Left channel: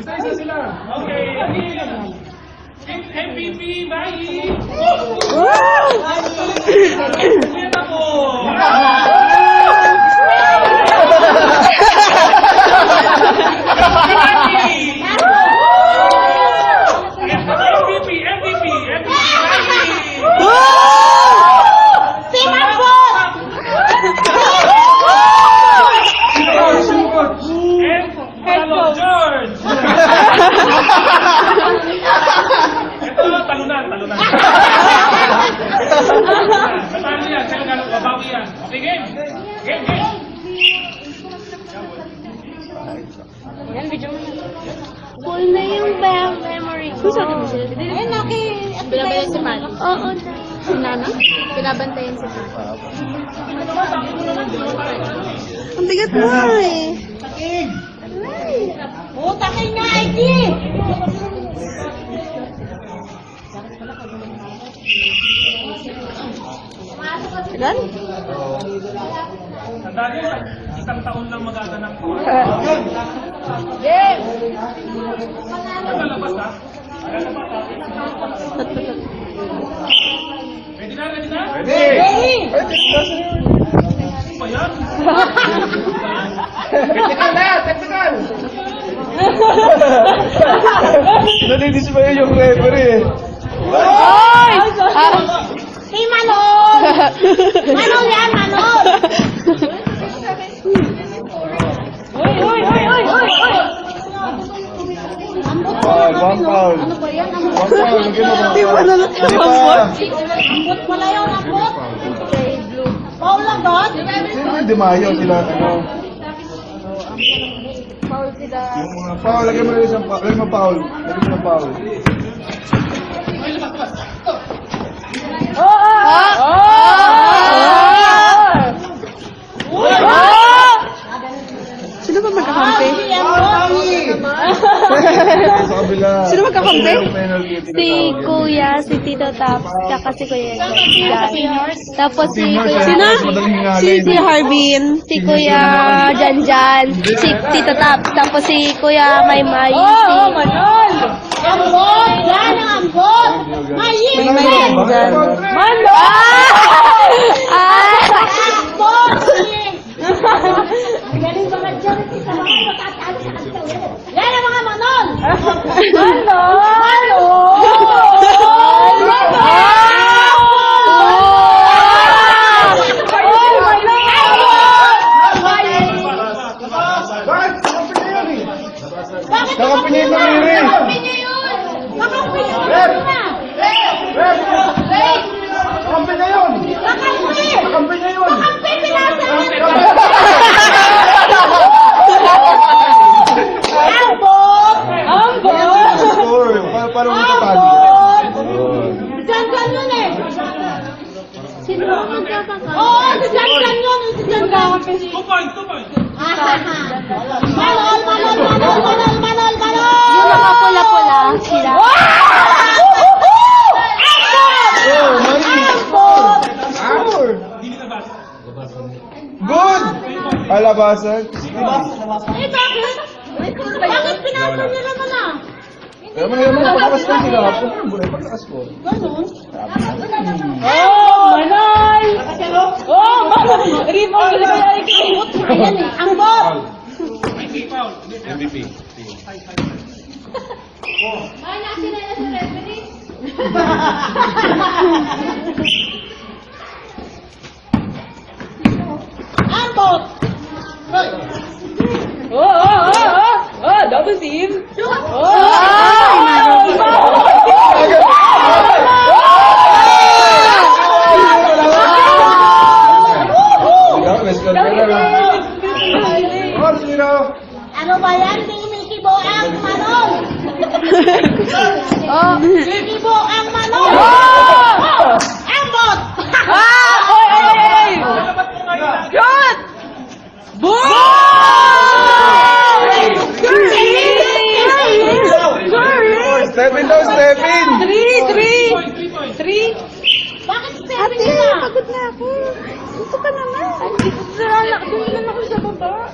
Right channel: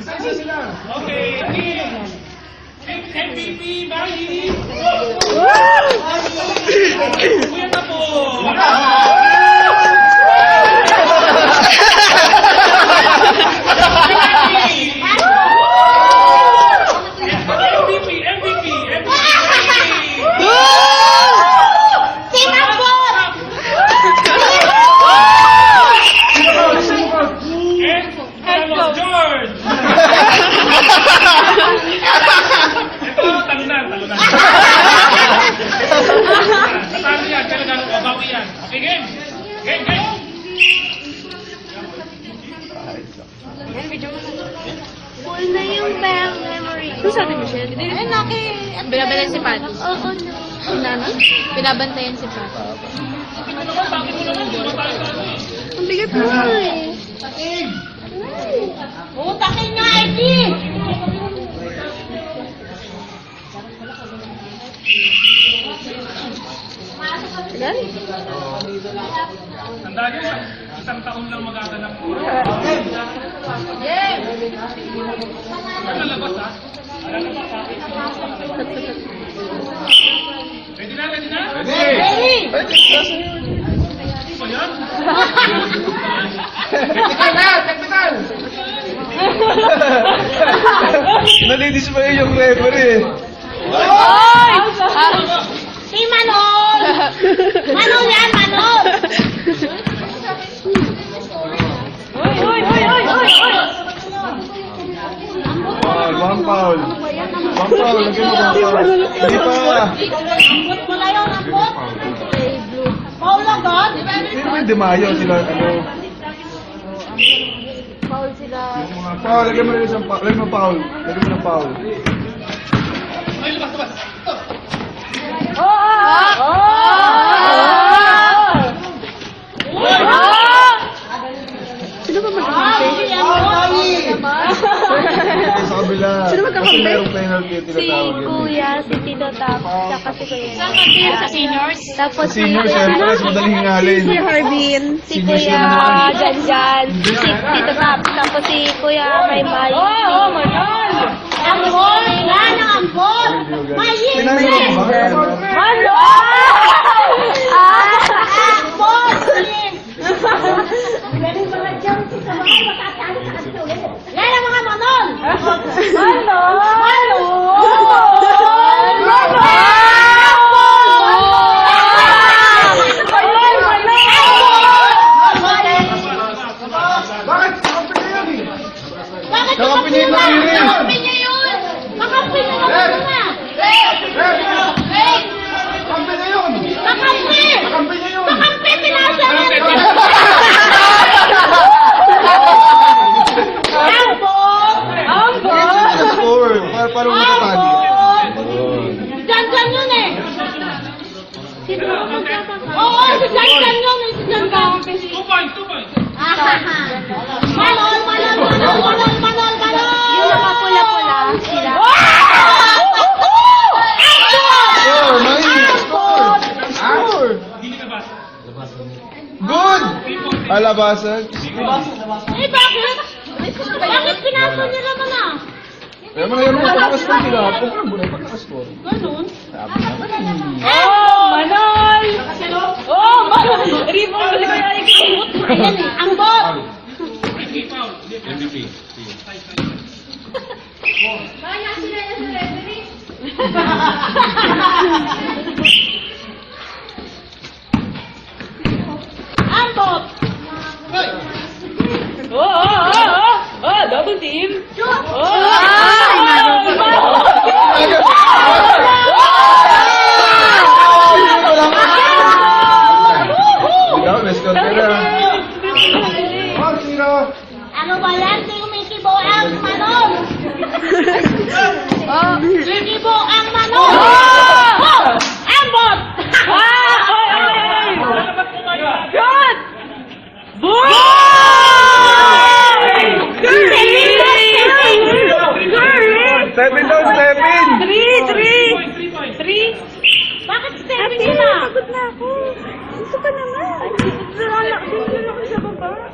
Isa-isa sila. Okay. MVP, Mahi! Kuya na po! MVP! Carlos George! Ito, talunan. Natalo yan, kailangan babawi yan. Okay, game! Game! Full na yung memory. Ano sa atin, Michelle? Ay, naki. Binabantayan si Pat. Oo. Si Nana? Binabantayan si Pat. Bakit mo naman, di mo tayo sa ano eh. Ang bigat mo eh. Utakin nga, ID! Ilan? Tandaan nyo, isang taon lang magaganap ko. Game! Yan lalabas ha? Lalabas ha? Ready na? Ready! Ano ba yan? Technical! Nalinis pa yun yung referee. Oy! Si Manol! Manol yan, Manol! Oy! One foul. Hindi pa. Ambot mo na yun, ambot! Paul lang doon? Sino yung Dimayo sila? Paul sila. Paul, lagyan mo rin isang foul. Lagyan mo foul. Ay, labas! Sino ba magkakampi? Sa kabila. Sino magkakampi? Penalty, Si tinatawag yun. Kuya, si Tito Tap, tsaka si Kuya. Sa seniors? Tapos si Senior, Kuya. sir. Mas madaling hingalin. Si Harbin. Si Kuya Janjan. Si Tito Tap. Tapos si Kuya Maymay. Manol! Ambot! Yan ang ambot! Mayin! Maymay Janjan. Manol! Ambot! Galing mga charity sa mga matataas sa katuloy. Yan ang mga Manol! Bakit Kakampi niyo yun. Kakampi niyo yun! Kakampi niyo yun! Kampi na yun! Kakampi! Kampi na yun! Kakampi! Pinasa niyo! Ambot! Score. Parang matatalo. Janjan yun eh! Oo, si Janjan yun eh! Si Janjan! 2 points! Manol! Yung nakapula-pula sila. Score. Hindi ka basa. Good! Alabasan. Eh, bakit? Bakit pinasa niyo naman ah? Kaya mga patakas ko nila. Pagkabulan patakas ko. Ganun? Manol! Manol! Rebound! Ayan eh, ambot! Ay, foul. MVP. Ambot! Double team! Let's go. Ano ba yan? Sikibo ang Manol! Sikibo ang Manol! Ambot! Good! Boom! Napapagod na ako. Gusto ka naman. Sarala, tingnan ako sa baba.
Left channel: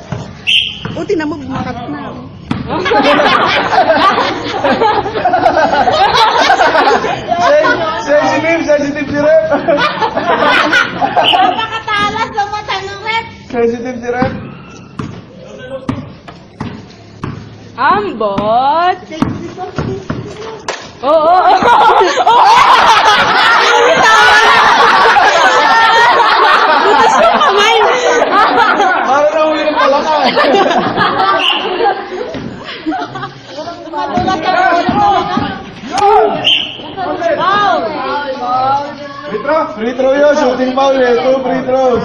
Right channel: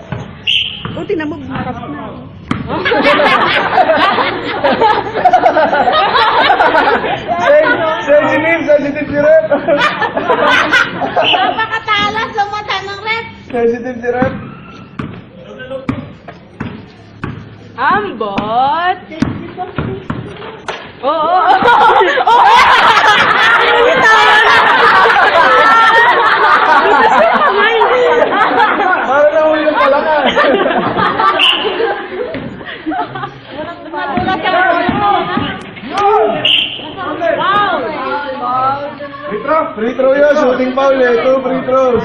O, tinan mo, bumakat na. Sensitive si Rep. Napakatalas sa mata ng rep. Sensitive si Rep. Ambot. Oo. Tawa na. Butas yung kamay. Para na uwi ng palakan. Madulas ka na. Free throw yun, shooting foul eh. 2 free throws.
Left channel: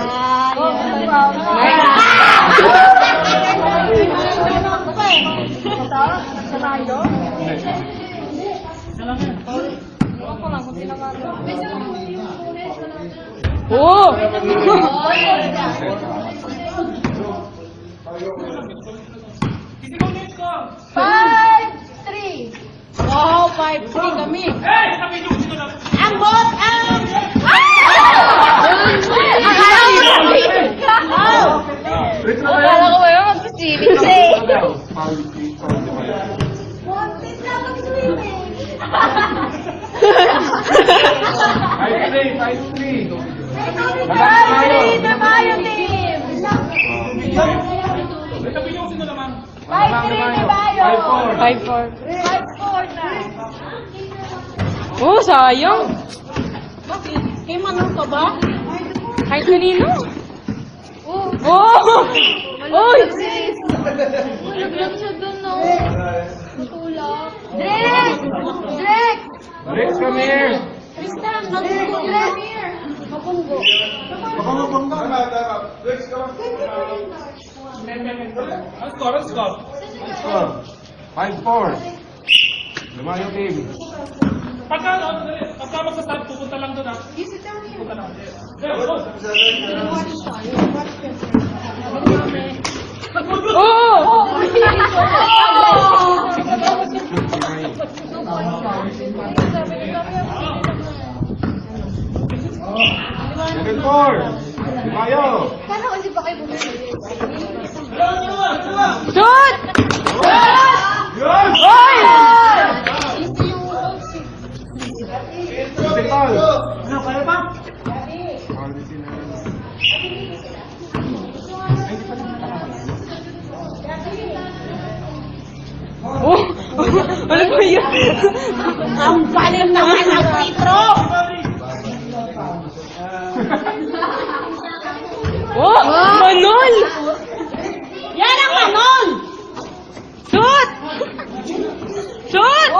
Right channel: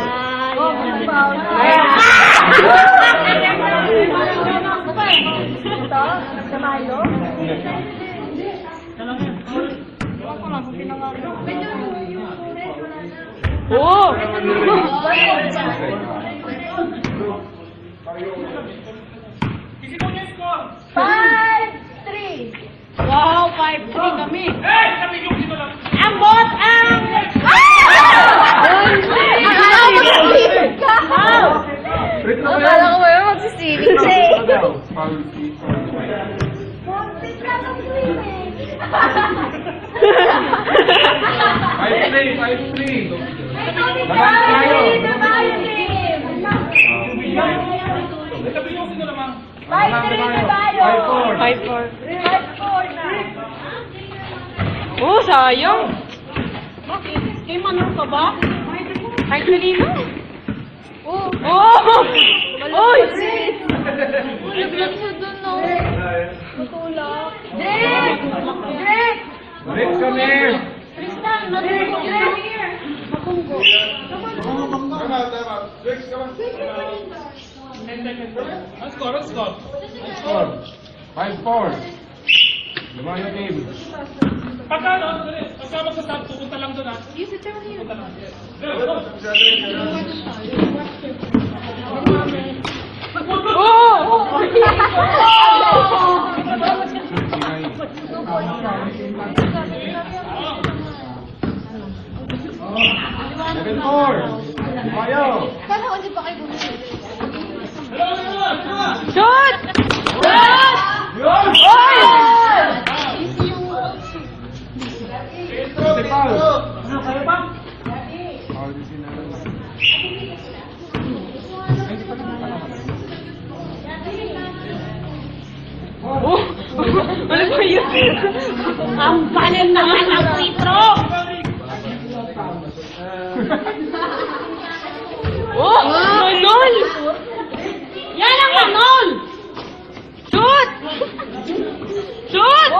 Oo. Isigaw niyo yung score. 5-3. Wow, 5-3 kami. Hey! Sabi niyo dito lang. Ambot ang... Free throw Akala yun. ko ba yung magsiswimming siya eh. Buntis na ng swimming. 5-3. Babayo team. Sabi niyo sino lamang. 5-3 Babayo. 5-4. Oh, sayang. Kay Manong ka ba? Ay, kanino? Oh. Oh! Uy! Naglan siya dun, no? Tulog. Drake! Drake! Rex, come here. Tristan, nandun Drake. Makunggo. Rex, come on. Ang score, ang score. Score. 5-4. Lumayo team. Pagka magsa-stop, pupunta lang doon ha. Pupunta lang. Go! Oh! Second 4. Lumayo. Shoot! Yun! Shooting foul. Foul din sila. Ano ba yun? Ang galing naman ang free throw. Oh! Manol! Yan ang Manol. Shoot! Shoot!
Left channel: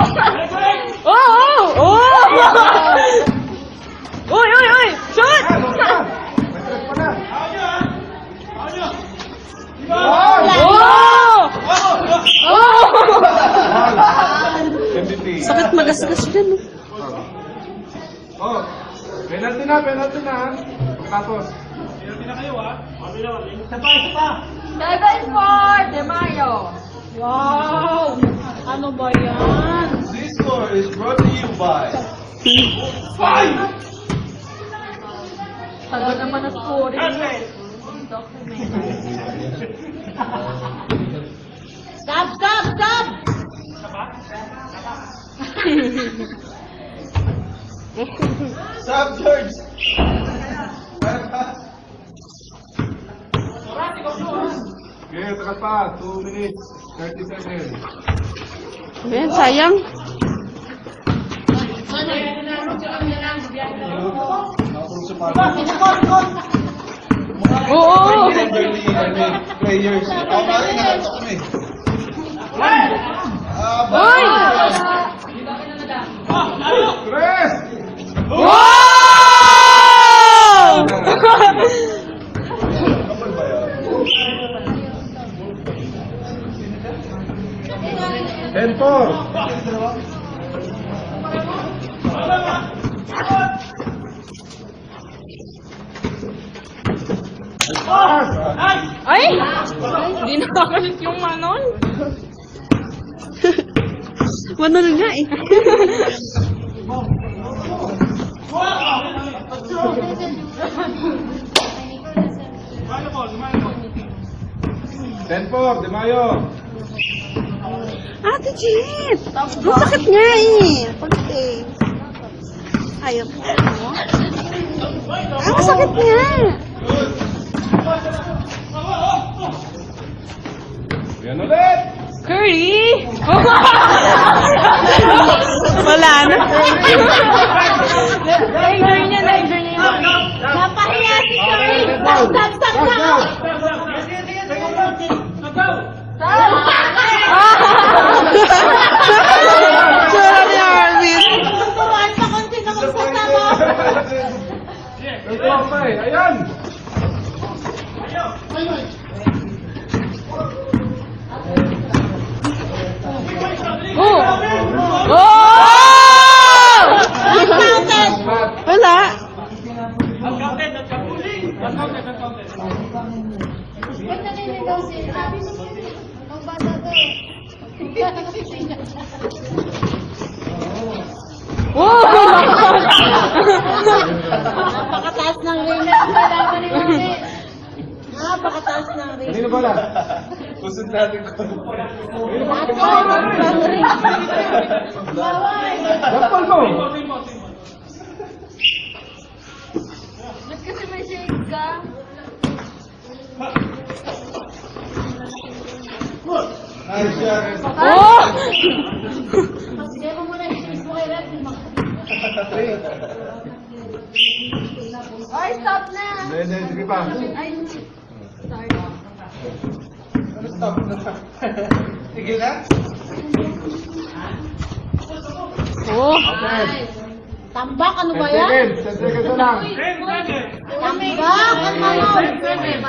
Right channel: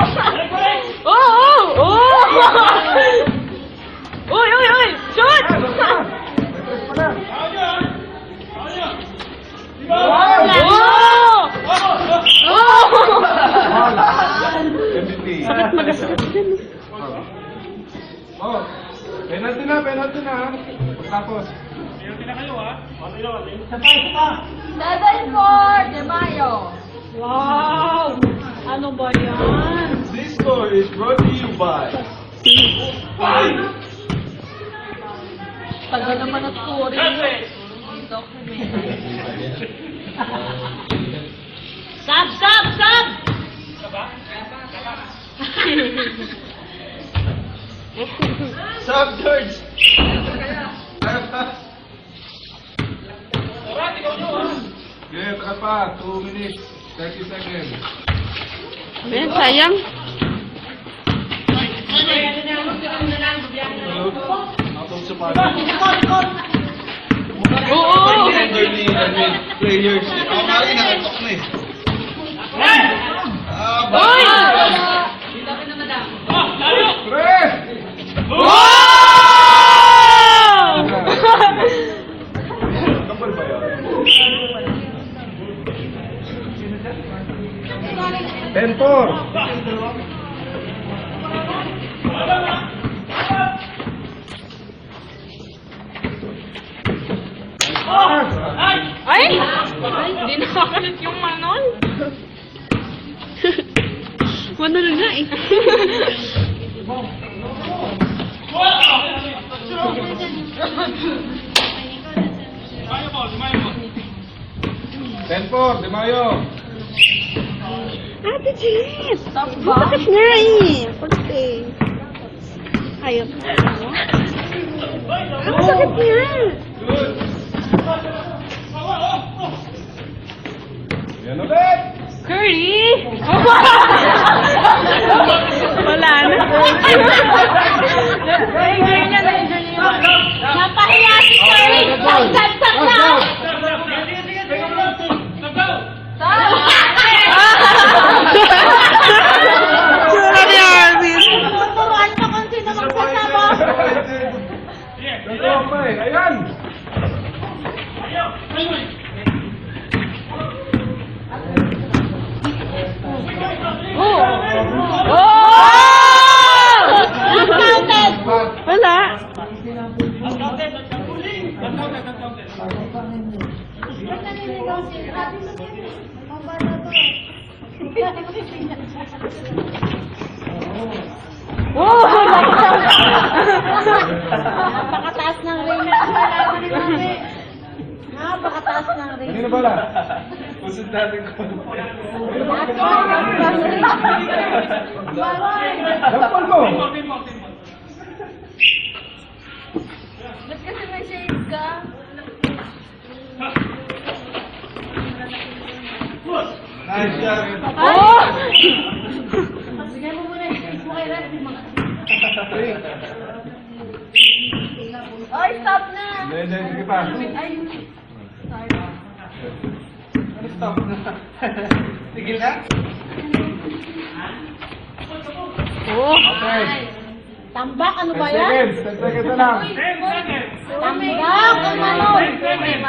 Oh! Oh! Oh! Uy! Uy! Uy! Shoot! Wow! Oh! Oh! Sakit Sakit magasgas din. Oh, penalty na. Tapos. Pinalty na kayo ha. 7-4 De Mayo. Wow. Ano ba yan? This score is brought to you by Tagal naman ang score. Stop! Stop, George. Yeah, taka pa. 2 minutes, 30 seconds. Ayan, sayang. Natulog sa parang. Oo! Elderly players. Ako nga rin, nakatok na eh. Uy! Tres! Wow! And 4. Ay! Hindi nakakalit yung Manol. Manol nga eh. Mayo ball, Mayo ball. 10-4, Di Mayo. Ate Jet! Masakit nga eh. Pagte. Ayaw ko. Ang sakit nga. Yan ulit. Curry! Wala na. Napahiya si Curry. Stop, stop now. Sura ni Arvin. Turuan ka kung sino magsasama. Ito ang may. Ayan. Wala. Uncounted, uncounted. Uncounted, uncounted. Napakataas ng ring. Napakataas ng ring. Kanino bala? Usod natin ko. Bakpal mo. Team ball, team ball. Kasi may shades ka. Nice shot. Bigay mo muna yung shades mo kay Ref. Oy, stop na. Hindi, sige pa. Ay, sorry. Stop na. Tigil na? Okay. Tambak, ano 10 ba yan? seconds. 10 seconds na lang. 10 seconds. Tambak, ano? 10 seconds.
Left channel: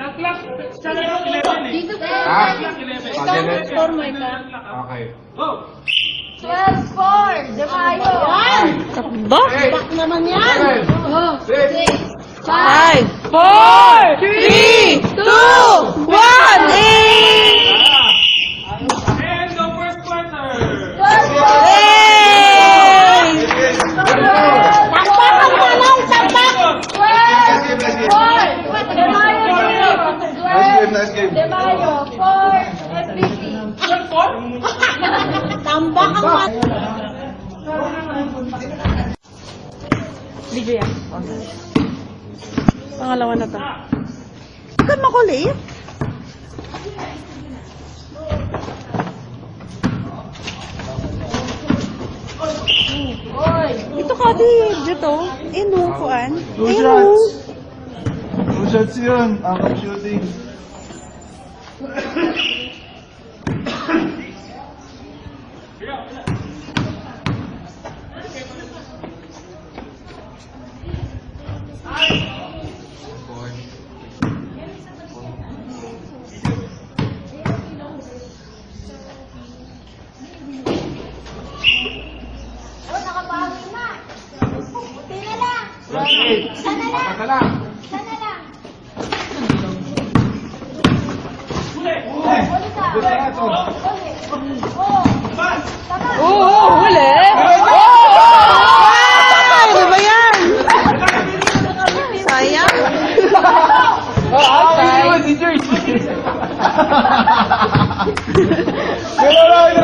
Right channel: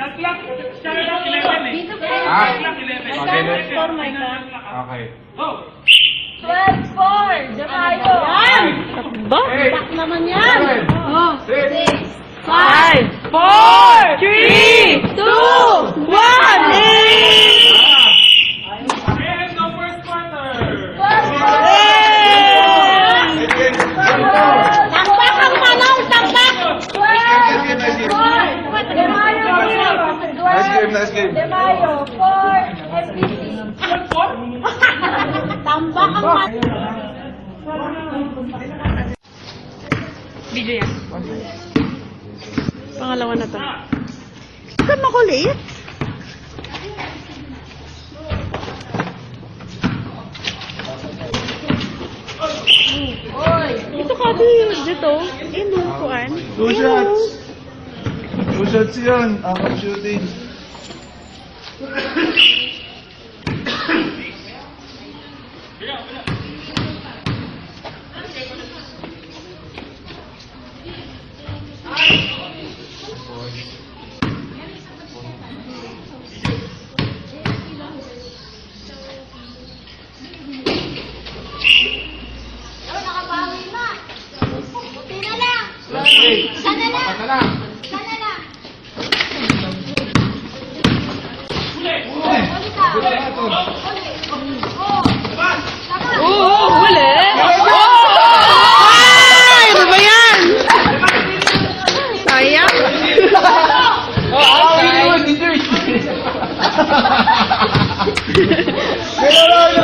Shot clock, shot clock 11 eh. Dito ka. Ah. Shot clock 11. Okay, 10 let's seconds. Final shot clock, ah. Okay. Go! 12-4. De Mayo. Yan. Takbo. Tambak naman yan. 7, 6, 5, 4, 3, 2, 1, And the first quarter. Tambak ang manong, tambak. 12-4. De Mayo. Nice game, nice game. De Mayo. 4 FPC. Shot 4? Tambak ang manong. Video yan. Pangalawa na to. Huwag ka makulit. Ito ka dito. Inukuan. Two shots. Two shots yun. After shooting. Nakabawi na. Buti na lang. last 8. Sana na. Apat na lang. Sana na. Huli! Huli ka. Good na ito. Huli. Oh. Tama. Oo, huli. Ay, ano ba yan? Sayang.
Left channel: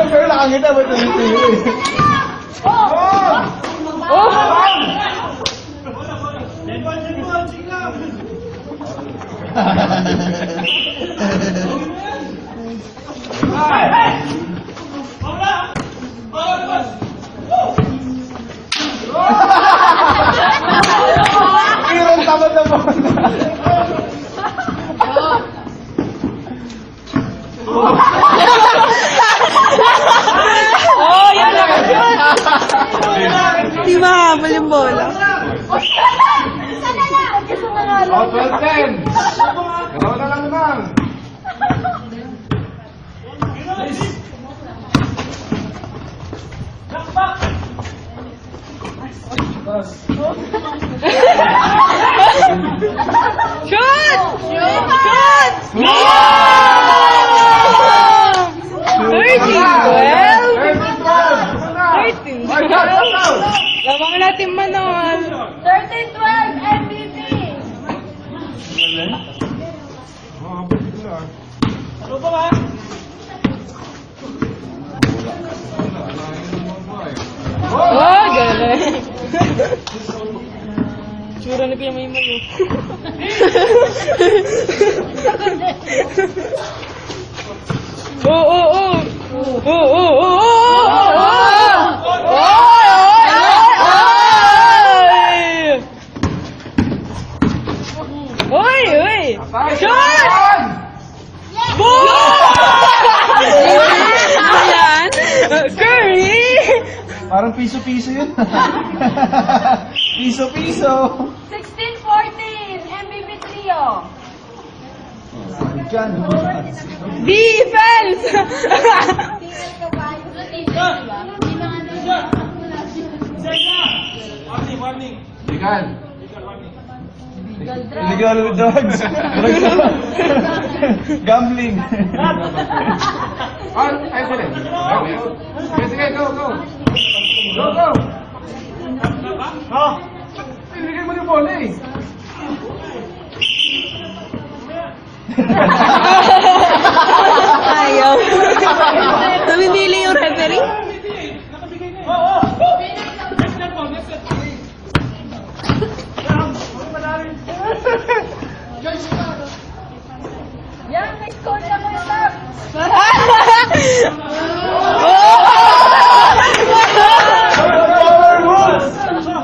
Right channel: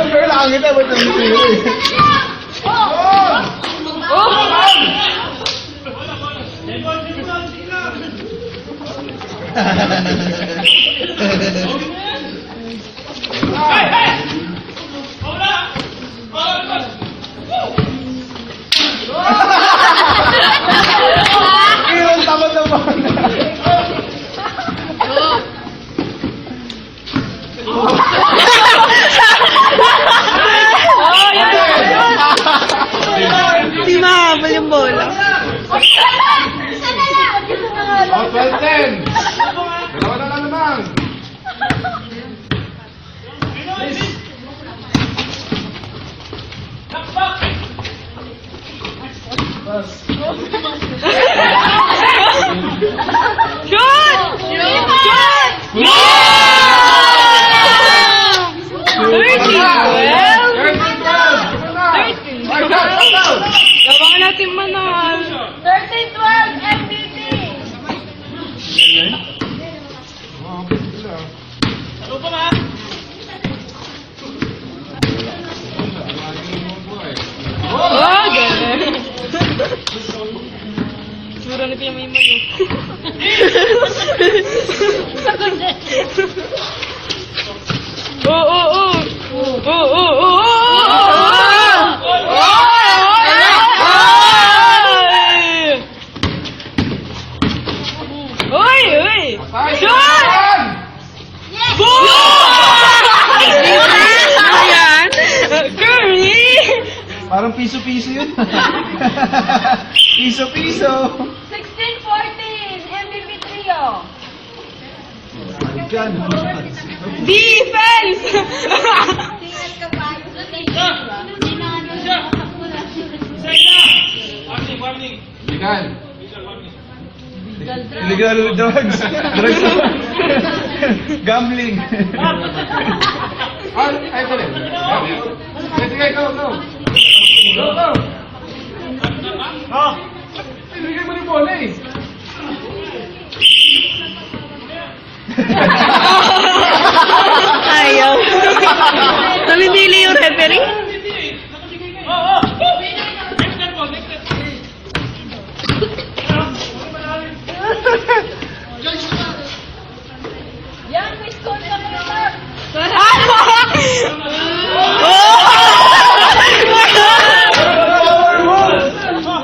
Pero nakakita ba ito yung Hey, hey! Hola! Hola! Ilang tamad na mo. Di mahabol yung bola. Sana lang. Gusto mo nga lang. Oh, 12-10. Dalawa na lang naman. Shot! Shot! Ay, shot, shot, shot. Gawang natin manon. 13-12. Sura na kaya may mayo. Parang piso-piso yun. Piso-piso. 16-14, MVP trio. Diyan. Defense! Tingnan ka ba? Warning. Legal. Illegal drugs. Drugs. Gambling. Ay, pwede. Sige, go, go. Go, go. Ibigay mo na bola eh. Ayaw. Namimili yung referee. Oo. Next step po, next step. Yan, may score ka mga sir.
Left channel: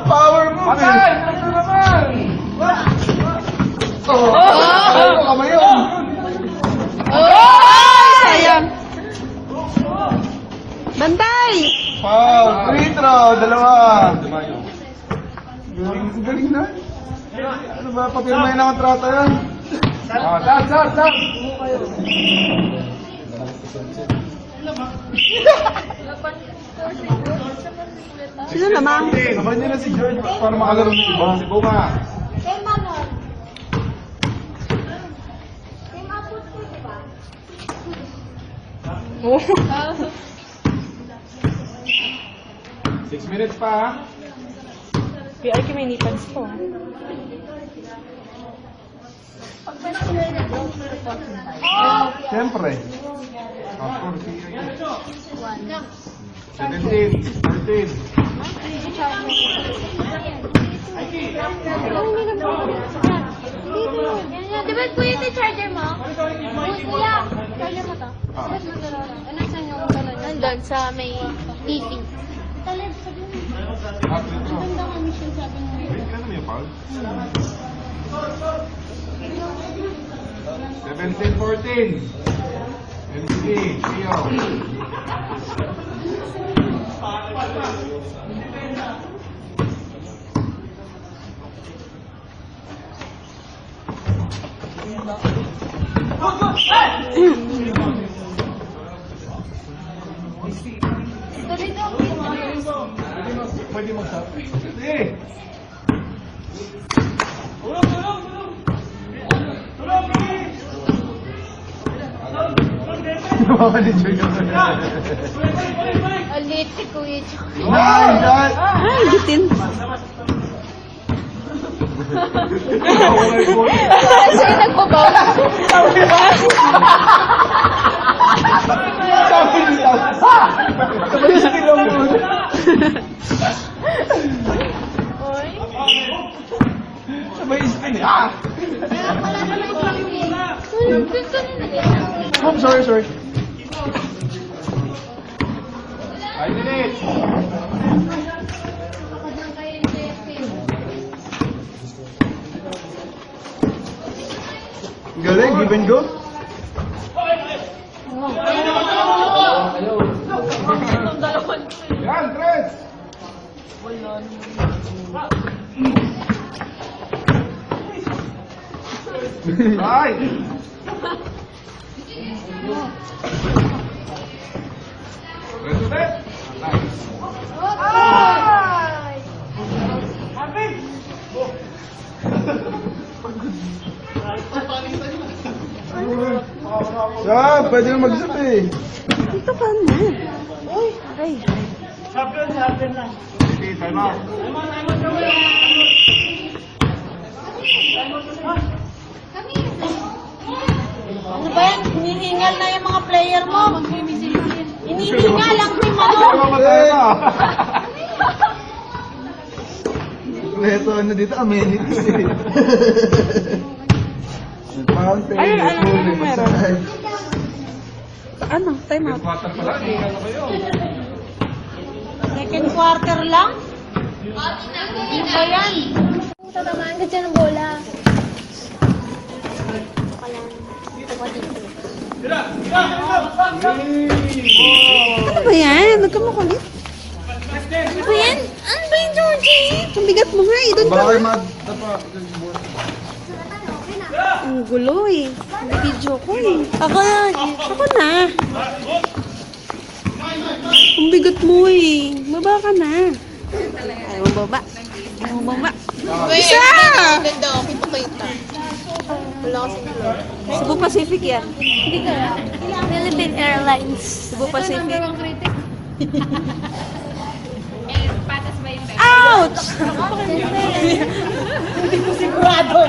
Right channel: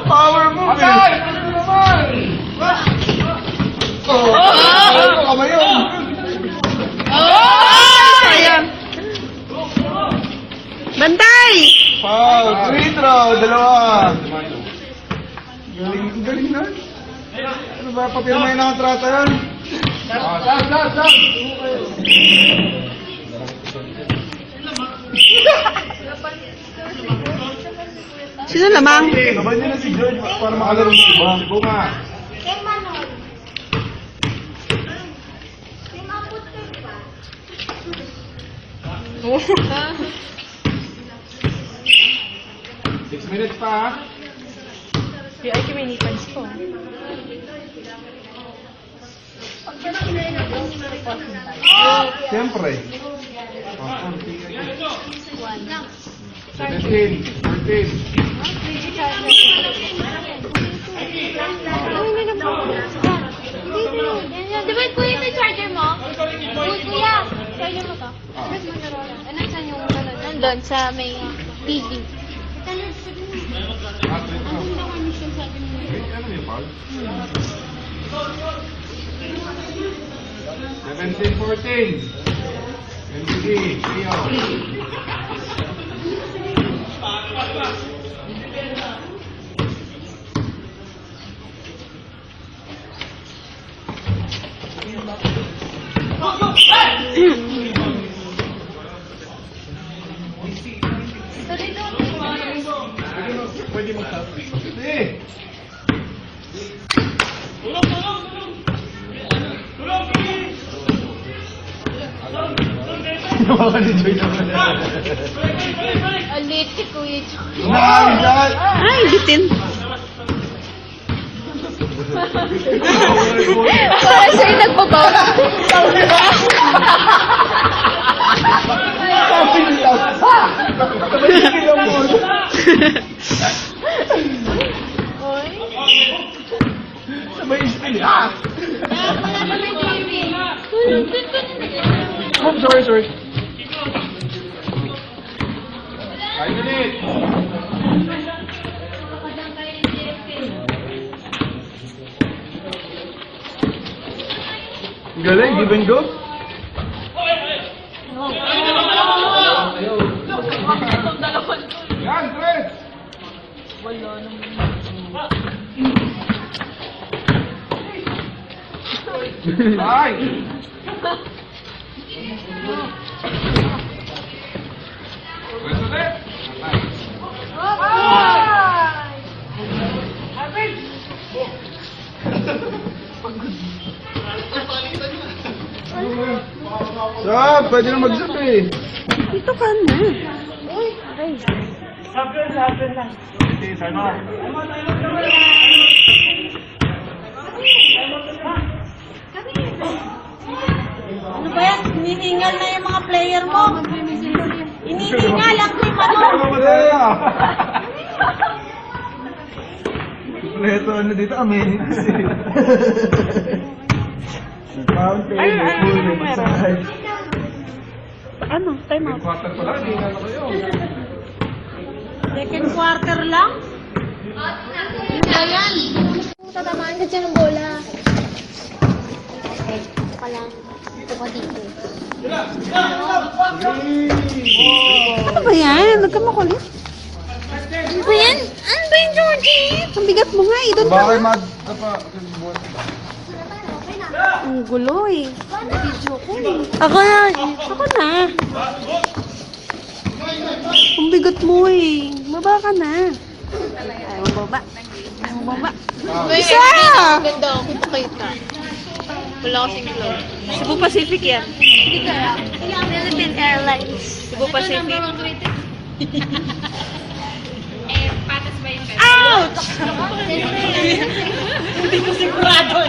Power move. Atay! Ano naman? Kamay yun. Sayang. Bantay! Foul. Free throw. Dalawa. Galing na. Ano ba? Pati yung may nakatrata yan. Down. Sino lamang? Sabay nyo na si George para makalaro si iba. Si Buma. Kay Manon. Kay Maput ka, di ba? Oh. 6 minutes pa ha? Ay, kuminipas ko. Pag ganun na yun, nag-uwi na rin po. Siyempre. 17, 14. Di ba kuya yung charger mo? Kuya, charger mo to. Sabit Motorola. Nasaan yung gano'n? Nandun sa may TV. Seventeen, 14. MCD, Leo. Sige. Alit si Kuya. Ay, bitin. Siya yung nagbabaw. Sabay spin. Ah! Oh, sorry. 5 minutes. Galing, give and go. Yan, Chris. Ay! Chris ulit. Nice. Sab, pwede na mag-zip eh. Dito ka na. Uy, aray. Okay, time out. Ano ba yan? Hinihingal na yung mga player mo. Hinihingal lang si Manon. Ano ba tayo? Sikreto ano dito, amenities. Fountain, pool, massage. Ano? Time out. Quarter pa lang, hindi na kayo. Second quarter lang? Tatamaan ka dyan ng bola. Ito pa dito. Ano ba yan? Huwag ka makulit. Ano ba yan? Ano ba yung Georgie? Ang bigat mo nga eh. Doon ka Bakit nga. Ang gulo eh. Video ko eh. Ako na. Ako na. Ang bigat mo eh. Baba ka na. Ayaw mo baba. Ayaw mo baba. Isa! Ganda ako. Kita. Wala kasing glow. Cebu Pacific yan. Hindi ka. Philippine Airlines. Cebu Pacific. Ito ang critic. Patas ba yung Ouch! Hindi ko sigurado.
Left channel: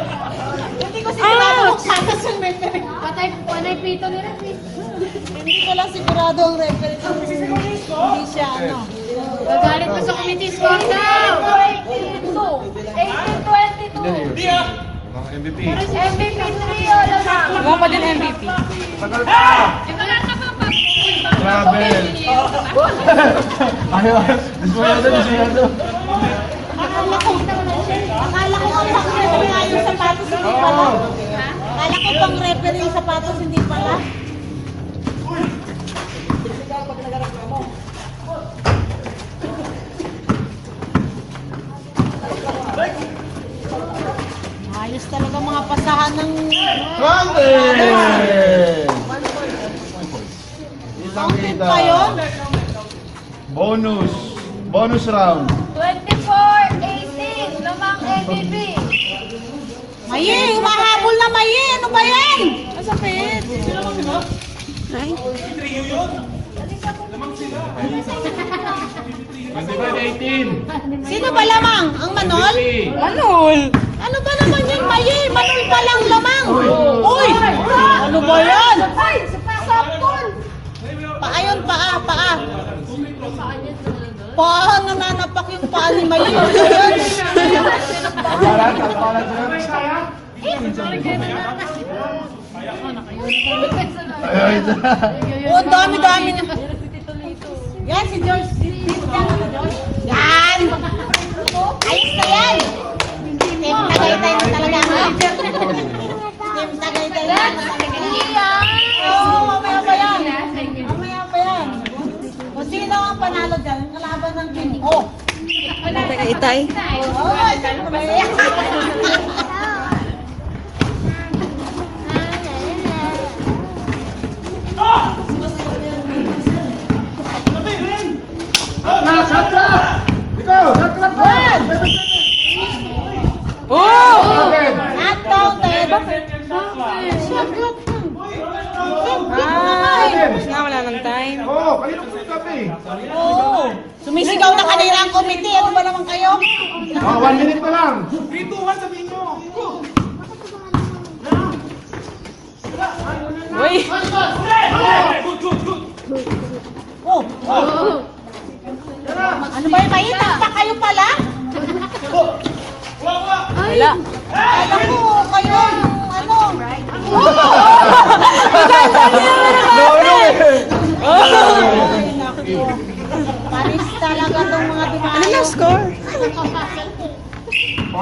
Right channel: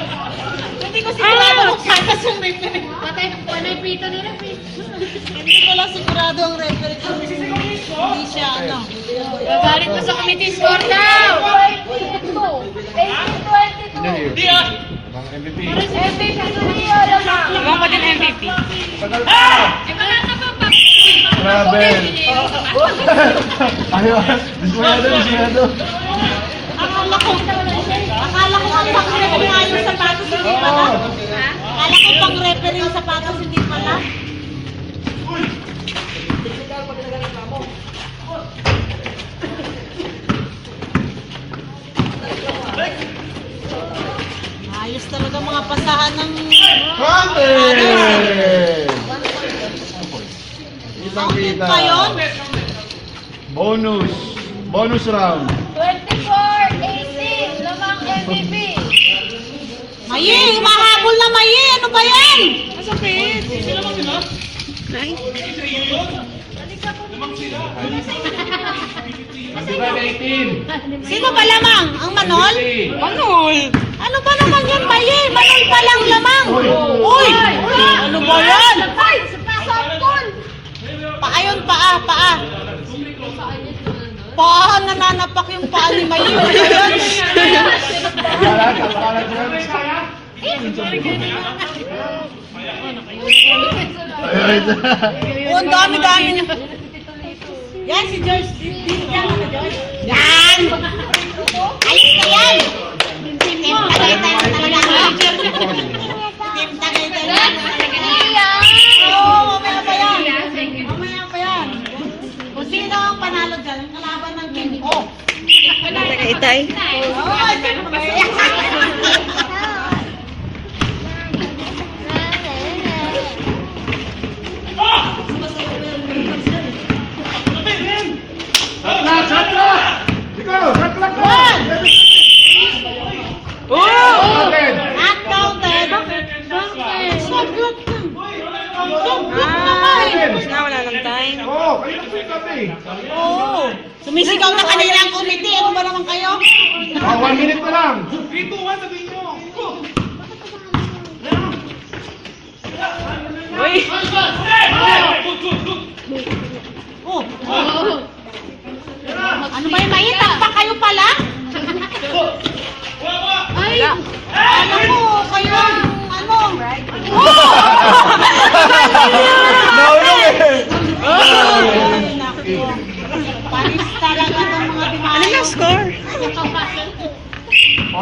Hindi ko sigurado kung patas yung referee. Patay pito na rin. Hindi ko lang sigurado ang referee. Hindi siya ano. Babalik mo sa committee score now! 18-22! Hindi ah! Mga MVP. MVP na rin yun! Ako pa din MVP. Grabe. Ayaw, dismayado yung sinado. Akala ko ang pang referee nga yung sapatos, hindi pala. Akala ko pang referee yung sapatos, hindi pala. Ayos talaga mga pasahan ng... Grabe! Isang Fountain kita. pa yun? Bonus. Bonus round. 24-18! Lamang MVP! Mayi, mahabol na Mayi! Ano ba yan? Masakit. Nice. 25-18. Sino ba lamang? Ang Manol? Manol! Ano ba naman yun, Mayi? Manol pa lang lamang. Uy! Ano ba yan? Softball! Paa yun, paa, paa. Paa, nananapak yung paa ni Mayi. Ano ba yan? Oh, ang dami-dami niya. Yan, si George. Yan! Ayos na yan! Team Tagaytay na talaga. Team Tagaytay na talaga. Oo, mamaya pa yan. Mamaya pa yan. Kung sino ang panalo dyan, yung kalaban ng team. Oh! Tagaytay. Oh, siyempre. Ikaw, naklak ka! Not counted. Sagot. Wala ng time. Oo, kayo na pick-up eh. Oo. Sumisigaw na kanila ang committee. Ano ba naman kayo? 1 minute na lang. Oh. Ano ba yung maita? Pa kayo pala? Ay! Ano ko? Kayo ang ano? Panis talaga itong mga Ano dimayo. na score?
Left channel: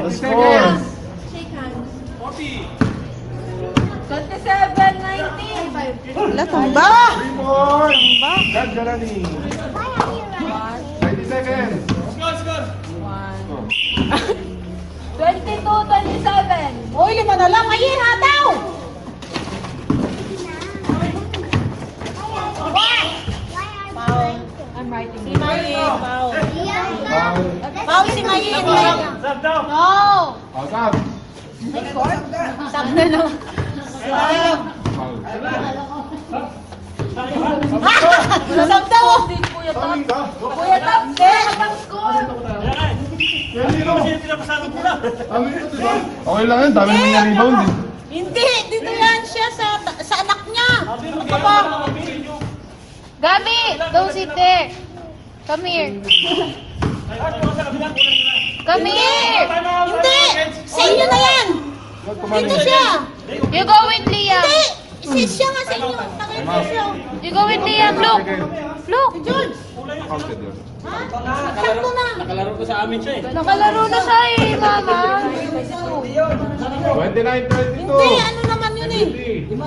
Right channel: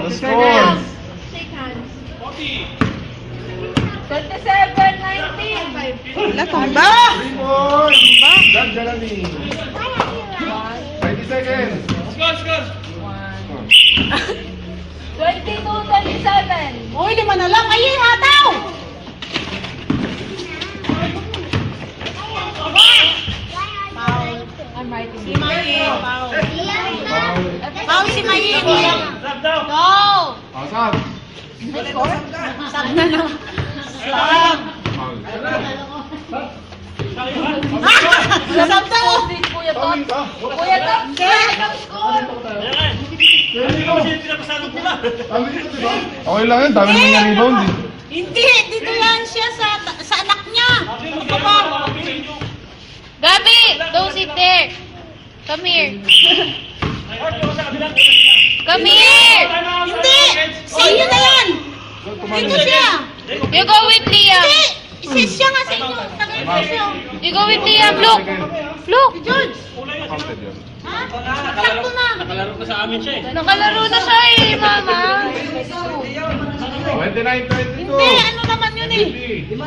Score. 27-19! Wala, tamba. 3-4. Brad Galani. 20 seconds. 22-27! Hoy, 5 na lang. Ayun, hataw! Si Mayin. Foul. Pao si Mayin. Go! Out out. Sab na lang. Foul. Sab daw. Fouling ka? Kuya Tom, ang score! Okay lang yun, dami nang rebound eh. Hindi, dito yan siya sa anak niya. Gabi, don't sit there. Come here. Come here! Hindi! Sa inyo na yan! Dito siya! You go with Liam. Hindi! Siya nga sa inyo. Tagay ko siya. You go with Liam. Look. Look. George! Counted yun. Ha? Sakto na! Nakalaro na siya eh, mama. 29-22. Hindi! Ano naman yun eh?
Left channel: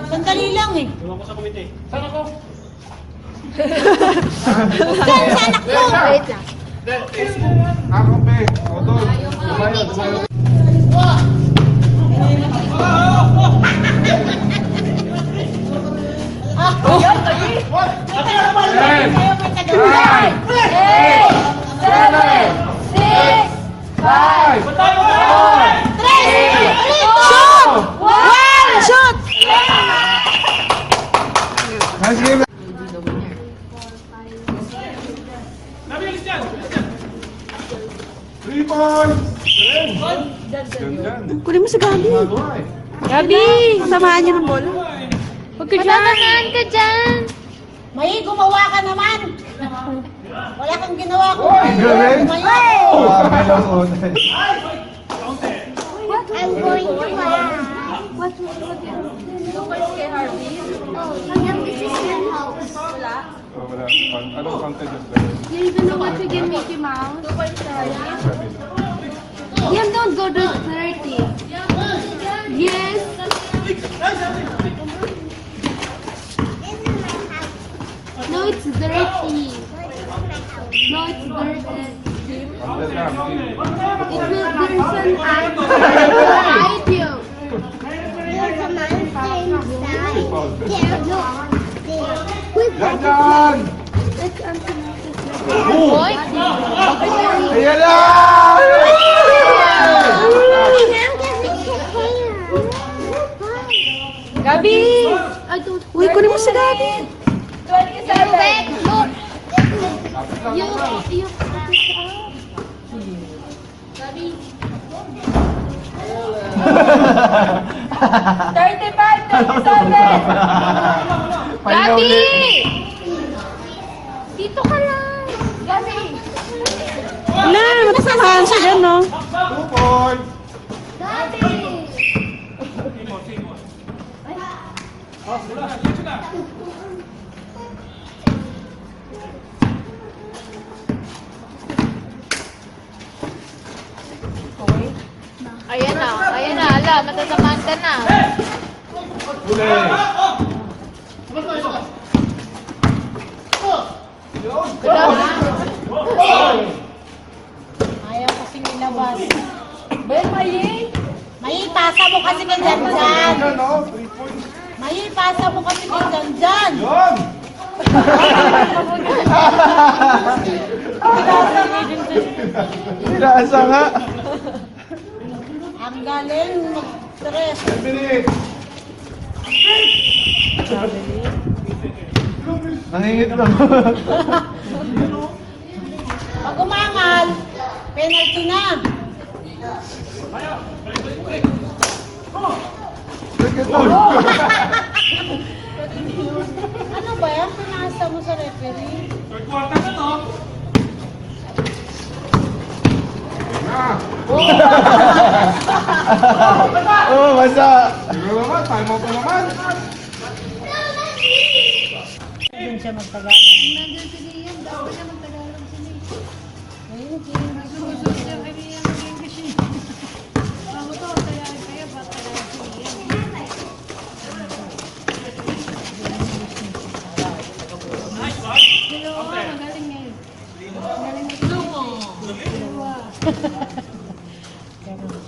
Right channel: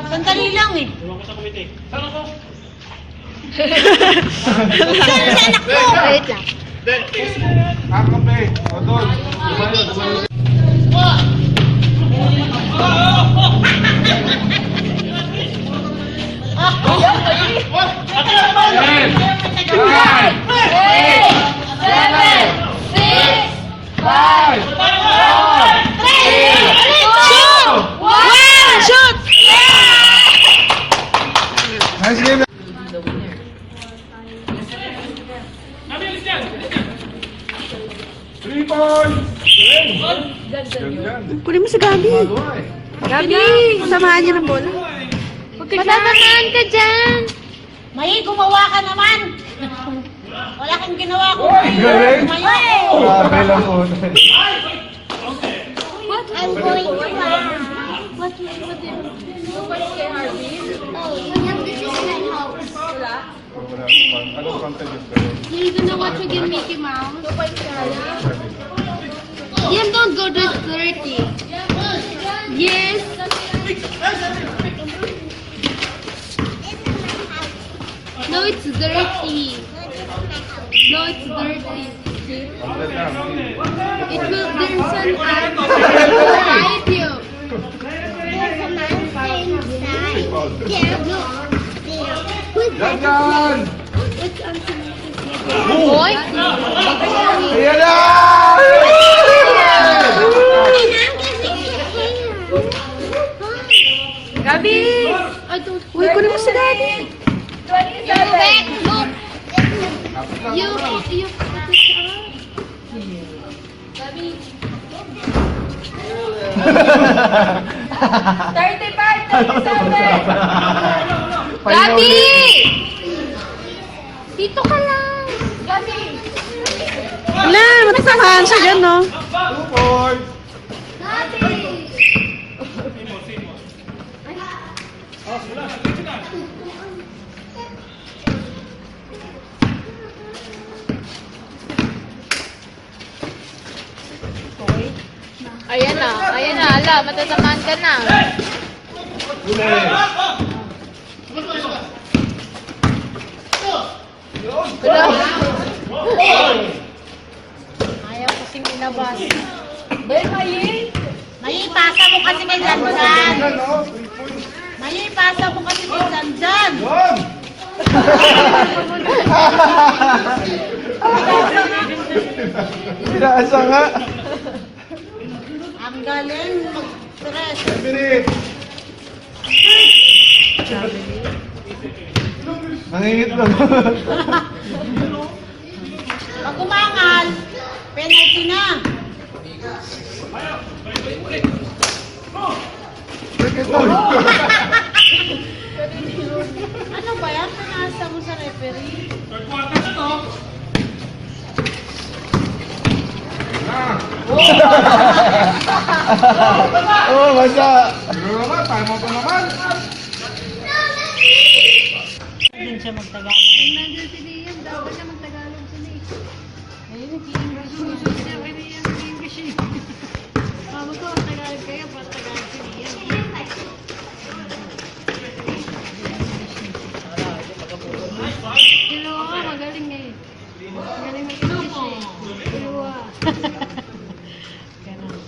Sandali lang eh. Saan sa anak ko? Wait lang. Akong May. O doon. Dumayo. Ten. Nine. 7, 6, 5, 4, 3, 2, 1. Shoot! Nice game. Nabilis yan! 3 points. Ganyan. Kunin mo si Gabi. Magawa eh. Gabi! Samahan niyo ng bola. Matatamaan ka dyan. May gumawa ka naman! Wala kang ginawa ko. Galing. May! Sabi lang una. What? I'm going to What will you do? This is my house. Anong counted yun? Galing. You're gonna watch again Mickey Mouse? Liam, don't go to 30. Yes. No, it's dirty. No, it's dirty. Counted na. It will, there's an ant. It will bite you. Ganyan. Boy? Ayan na! Gabi! I don't. Uy, kunin mo si Gabi. You wait, look. You put it up. Gabi! Dito ka lang. Gabi! Wala, matasamahan siya dyan, no? 2 points. Gabi! Ayan na, ala, matatamaan ka na. Huli. Ayaw kasi nilabas. May pasa mo kasi kay Jan Jan. Yan o. 3 points. May pasa mo kasi kay Jan Jan. Yun. Inaasa nga. Ang galing mag-stress. 10 minutes. Nangingit lang. Pag umangal, penalty na. Ano ba yan? Pinasa mo sa referee. Third quarter na to. Oh, basta. Siguro naman. Time out na naman. Doon siya magtagalog. Nandun si Liam, dapat siya magtagalog sila eh. Ayun, nag-English mo. Magaling eh. Magaling eh. Dalawa. Ganun.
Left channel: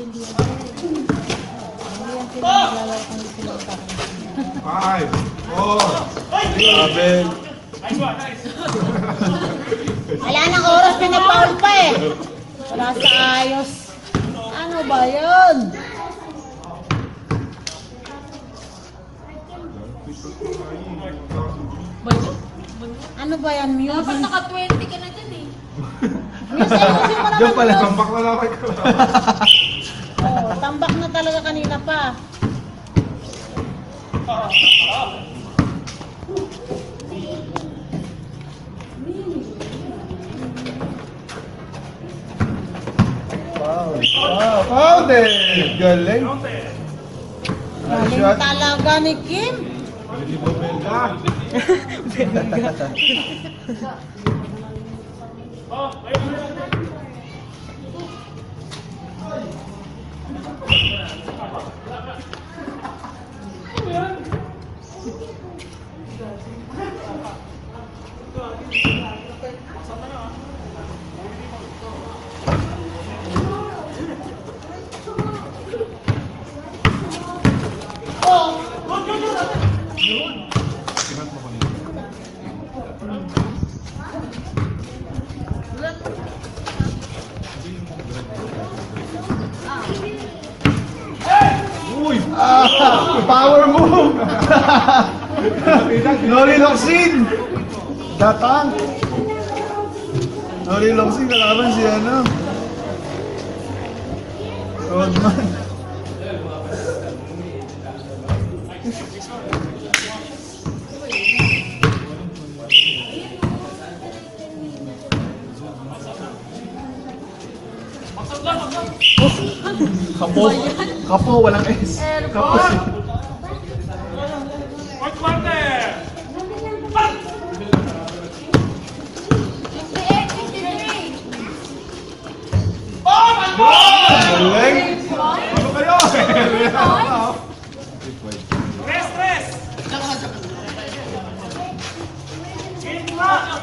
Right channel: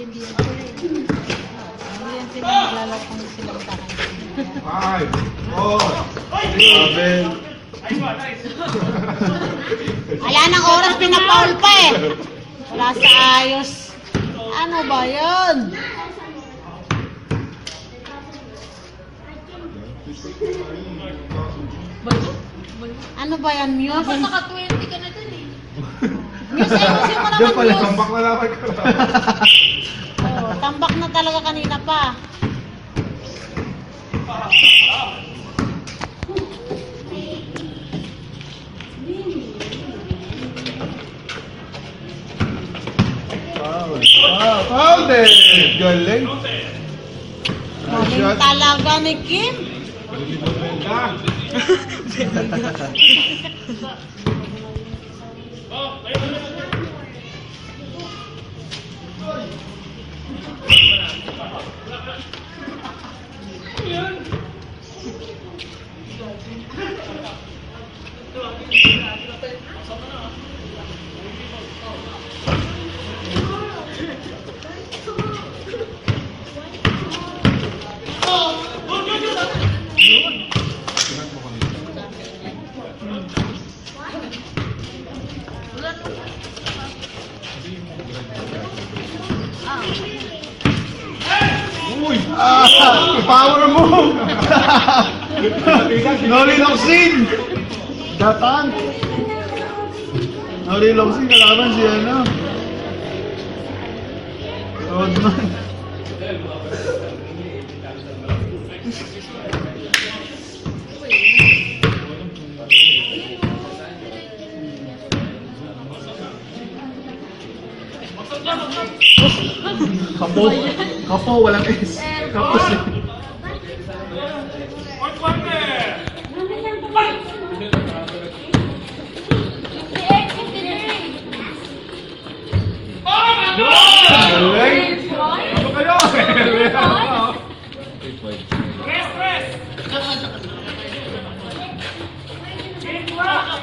Hindi yan pinaglalaro kung sila magkakain. 5, 4, 3, Wala nang oras, pinapaul pa eh. Wala sa ayos. Ano ba yun? Ano ba yan, Muse? Naka-20 ka na dun eh. Muse, ayusin mo Diyan naman, pala. Muse. tambak na naman ko. Oh, tambak na talaga kanina pa. Ah, founded! Galing. Galing talaga ni Kim. Palilibot mo yun ka. Oh, ayun. Ah, power move! Noriloxin! Datang! Noriloxin, kalaban si ano? Rodman. Kapo. Kapo, walang S. Kapo siya. Fourth quarter. Galing! Ano kayo? Rest, rest. Game clock.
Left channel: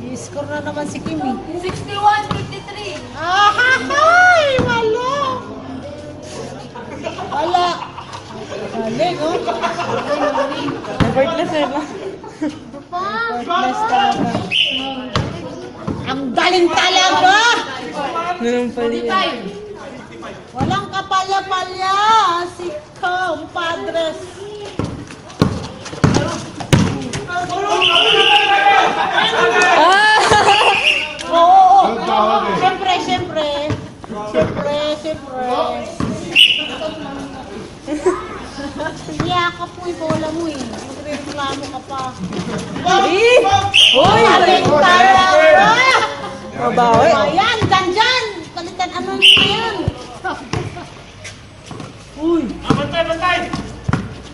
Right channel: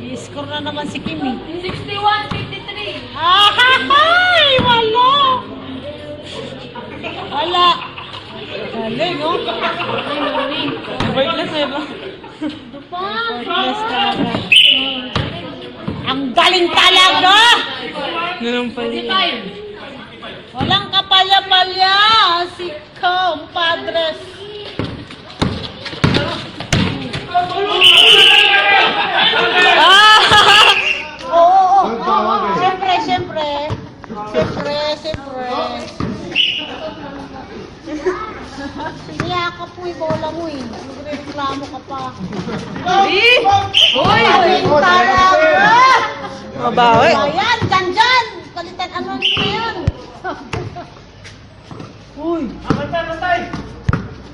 I-score na naman si Kim eh. 61-53. Ay, wala. Wala. Galing, oh. Effortless na ba? Effortless talaga. Ang galing talaga. Ganun pa rin. Walang kapalya-palya. Si compadres. Oo. Ang tawag eh. Siyempre, siyempre. Siyempre, siyempre. Piniyakap mo yung bola mo eh. Nagre-reklamo ka pa. Uy! Galing talaga. Mabawi. Ayan, dyan. Kalitan, ano nyo yan? Uy. Bantay, bantay.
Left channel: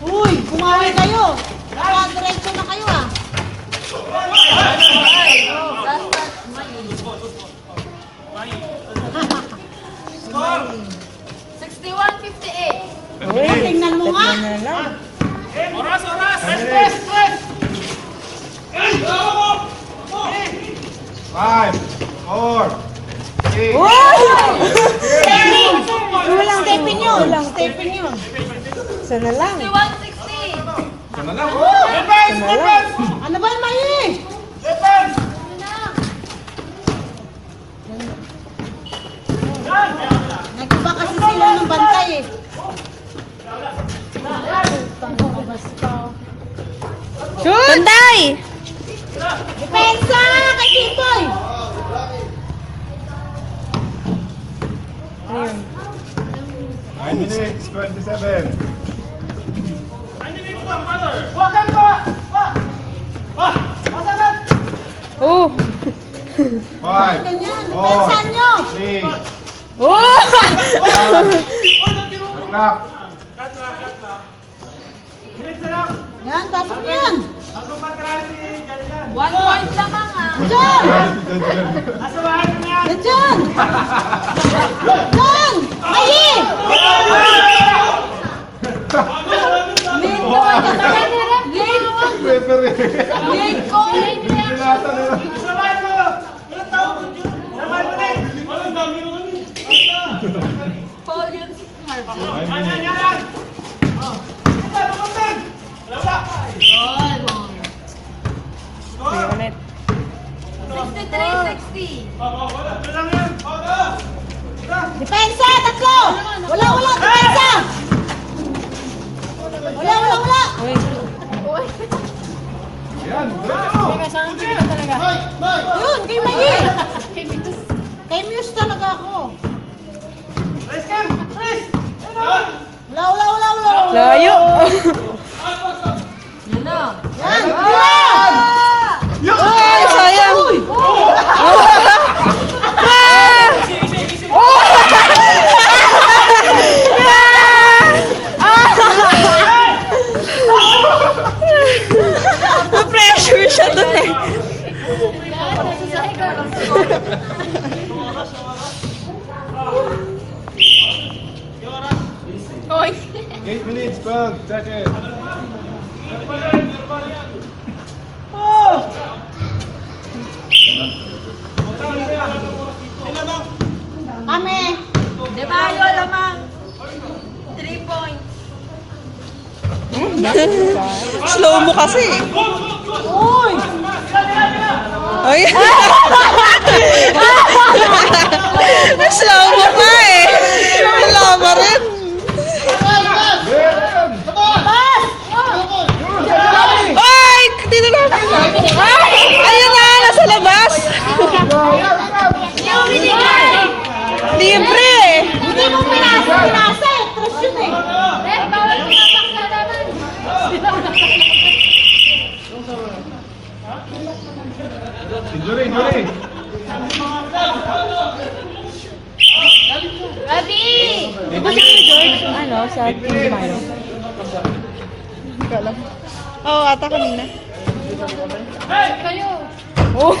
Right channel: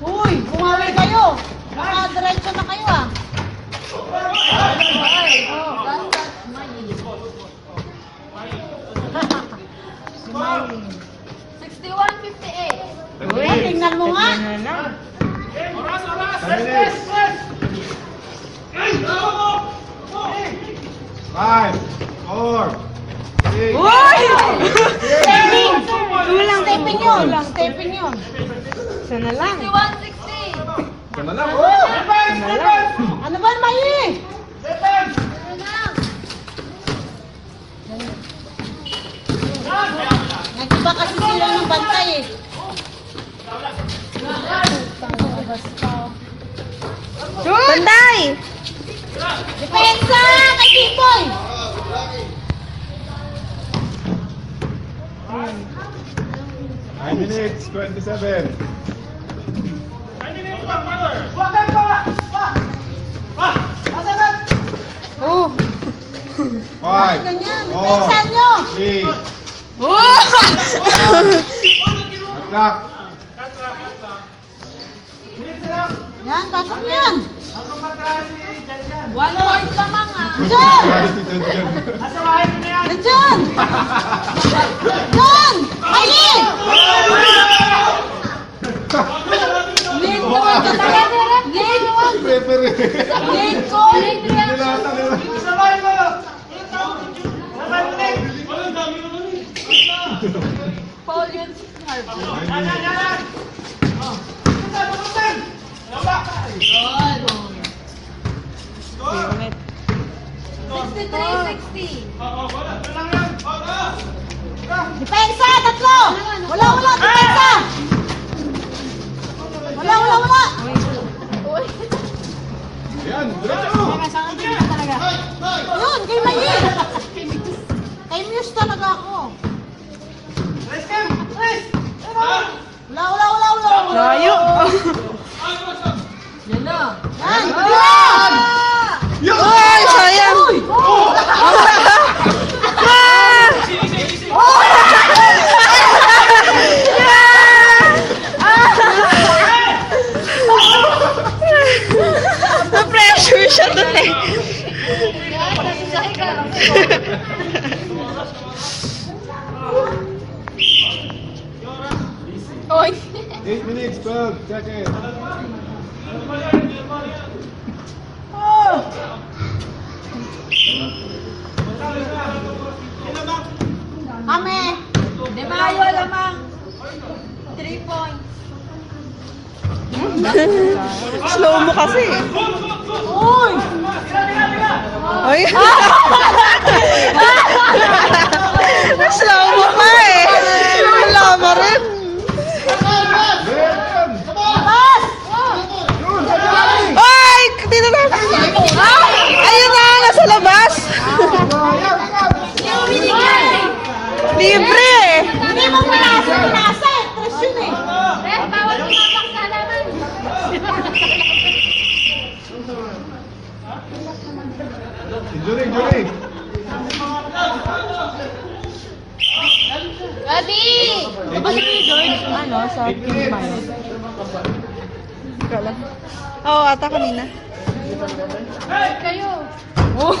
Uy, bumawi kayo. Diretso na kayo ah. Score. 61-58. Uy, tingnan mo nga. Oras, oras. Rest, rest, rest. 5, 4, 3, Uy! Walang stepin yun. Walang stepin yun. Sana lang. 61-60. Ito na lang. Oh! Defense, defense. Ano ba, Mayi? Defense. Nagkiba kasi sila ng bantay eh. Bantay! Depensa kay Kimboy! 9 minutes, 27. Oh! 5, Ganyan, 4, depensa nyo! 3, Oh! clock. Yan, pasok nyo yan! 1 point lamang ah. Diyan! Diyan! Diyan! Mayi! Lead goal ka talaga. Lead goal. Referee. Lead goal. Nilata nila. Foul yun si Harvey. 9 minutes. Good. 63-60. Depensa, tatlo! Wala, depensa! Wala! Yan, diretso. Yun, kay Mayi! Kay Muse talaga ako. Wala! Layo! Yan, wala! Sure siya dun eh. Oy. 8 minutes, 12 seconds. Kami. De Mayo lamang. 3 points. Slow mo kasi. Uy! Ay. Slow mo pa eh. Wala mo rin. Ay! Dito na. Ayun na, nasa labas. Libre eh. Hindi mo pinasa. Tres yun eh. Injury, injury. Ready! Ano, sa Team Mayo. Kala. Oo, ata kanina. Kayo. Oh.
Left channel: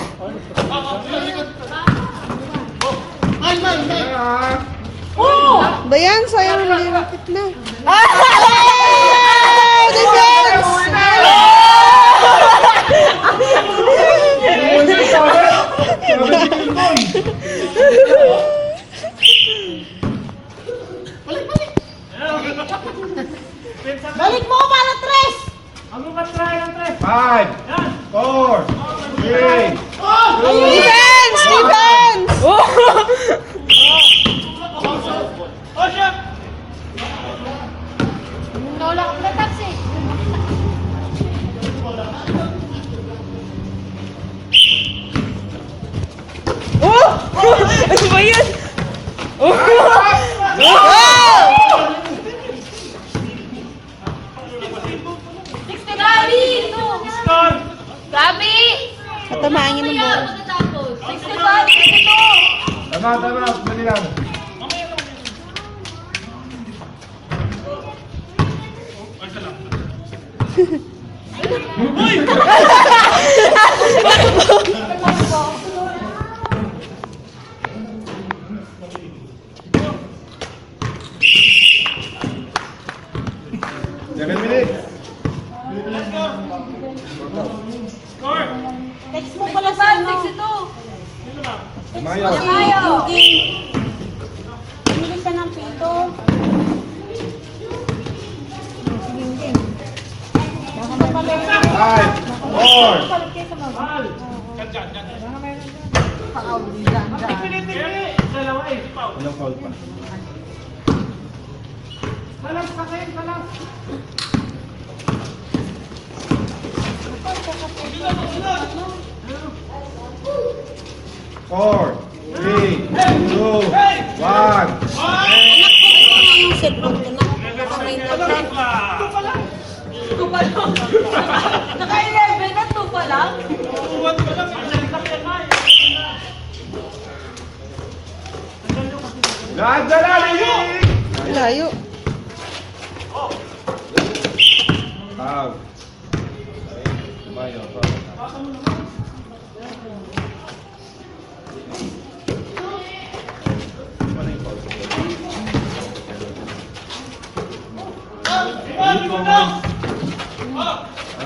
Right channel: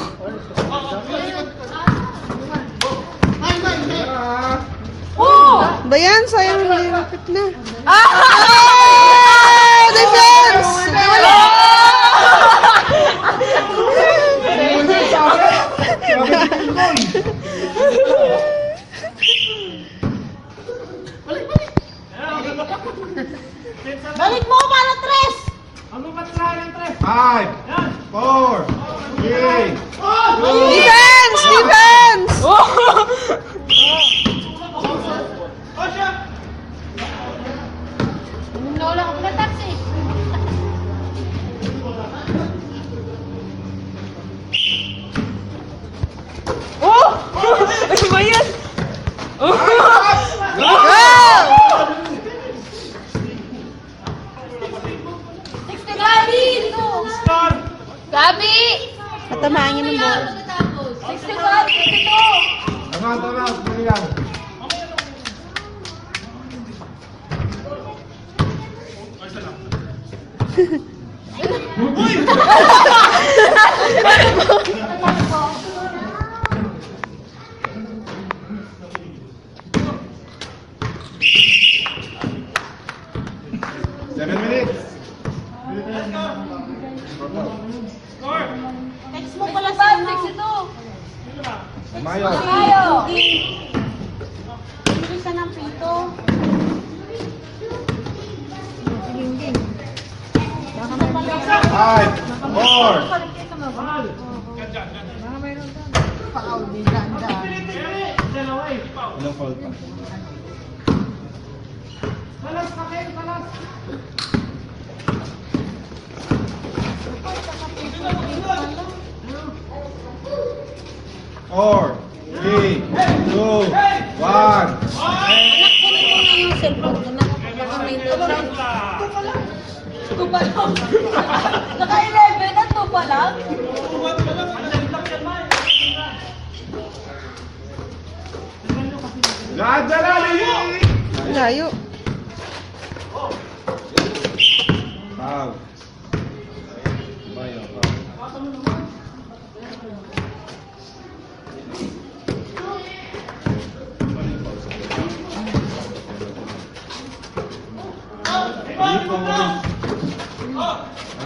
Dayan, sayang nilipit na. Ah! Defense! Balik mo para tres. 5, 4, 3, Defense! Defense! Wala na taxi. Oh! Ano ba yan? Oh! Go! Gabi! Gabi! Matamaan niya ng bola. 65! 62! Tama, tama. Mali lang. Second minute. Text mo pala sa 62. Mayo. Mayo. Bili ka ng pito. Baka mapalik. 5, 4. Walang foul pa. Four, three, two, one. Naka-11 ka, 2 pa lang? Nadalali! Layo. Foul. Mayo.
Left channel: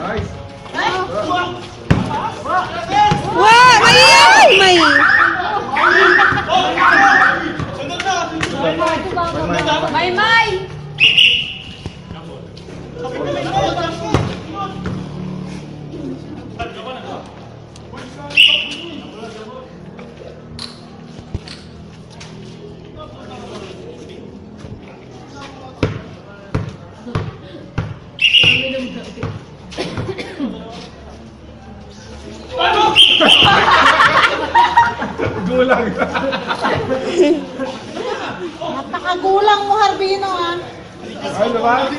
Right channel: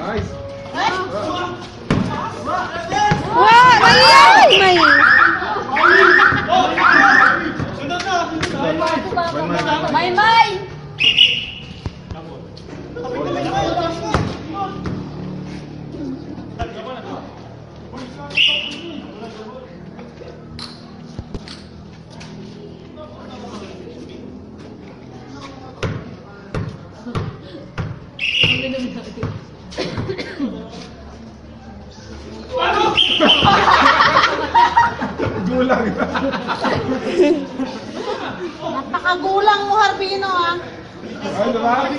Nice. Wow! Mali yan! May... May! Gulang. Nakagulang mo, Harbino, ah. Ay, naman.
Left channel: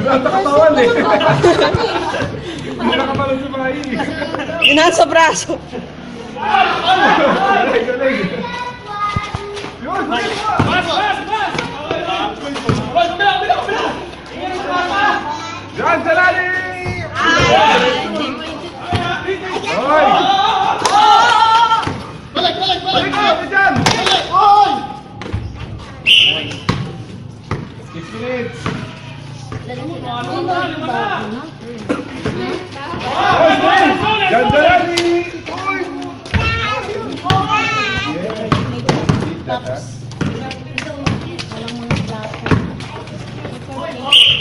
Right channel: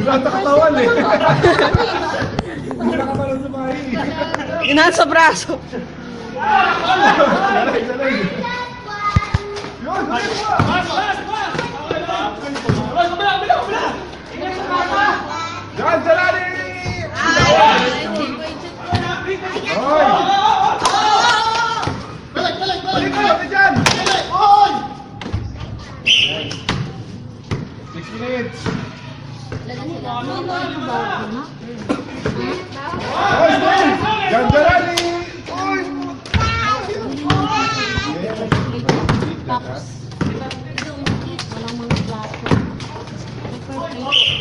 Gulang nakatawan eh. Gulang nakatawan sa bahay. Inahan sa braso. Galing, galing. Yun! Yan, Jalali! minutes. Gandarani! Uy! Cups. Walang mga plato.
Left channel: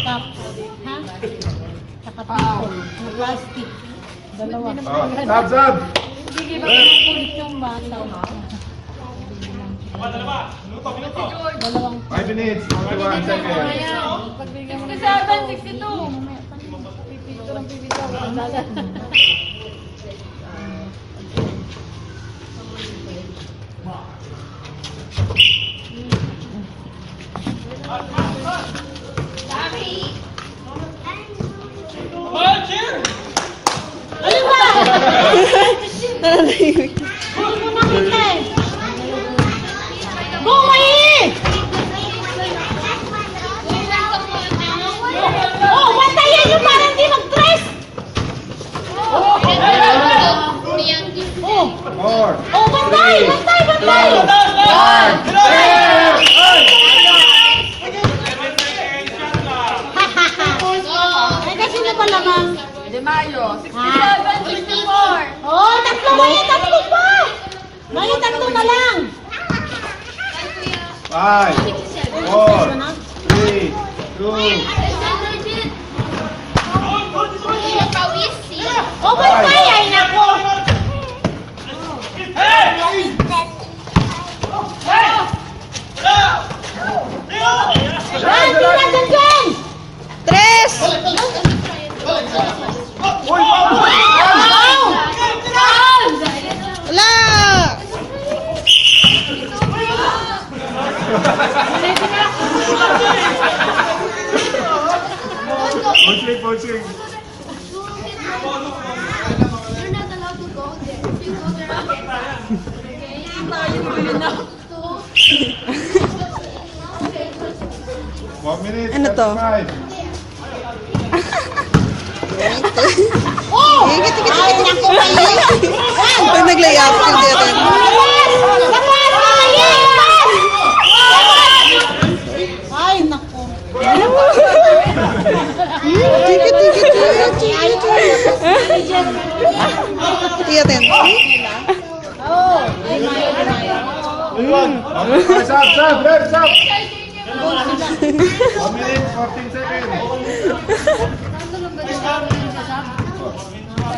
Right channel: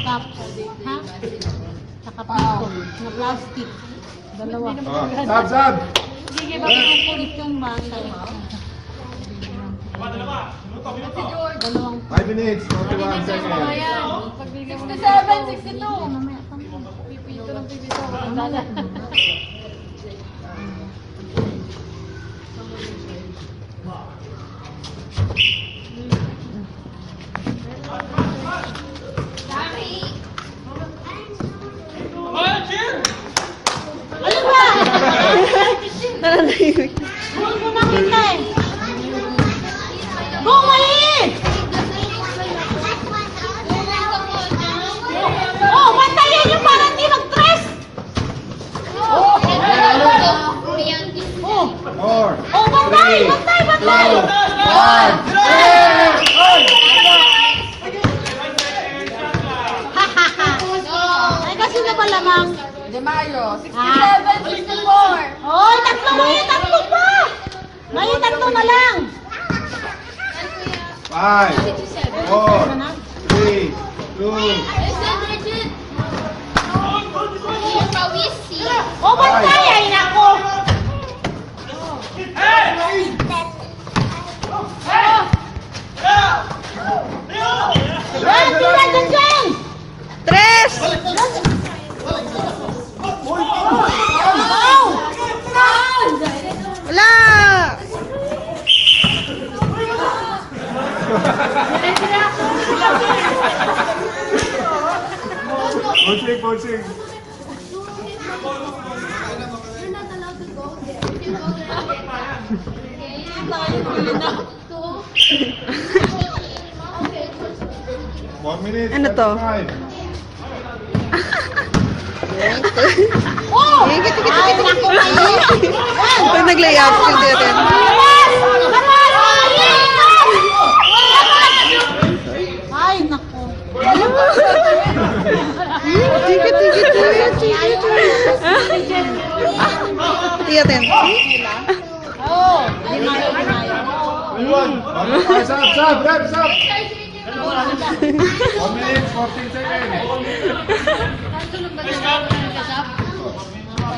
Cups. Ha? Saka pipon. Na plastic. Dalawa. Sab! Ulit yung bata. Dalawang 5 minutes, 41 seconds. 67, 62. Pipito ng pipito. Nananahimik. Hindi ko nakita eh. Bumay! Oh, bantayan nyo para hindi mag-stress! Oh, 4, bantay! Bantay! Bantay! 1. Ay, kasi na ba lamang? Mayo, 67, 64. Oh, tatlo! May tatlo pa! May tatlo na lang! 5, 4, 3, 2, Oh, bantay! Ay, nako! Yan! Tingnan doon dyan! Tres! Wala! Pulsing. You're not allowed to go there. Please go there again. 1 minute, Ano to? 35. Ikit, ikit, ikit, ikit. Pag nag-layup, skill natin. Ay, nako. Ikit, ikit, ikit, ikit. Tiyatin. Oh, dinayo, dinayo. Sab, left, sab. 1 minute, 14 seconds.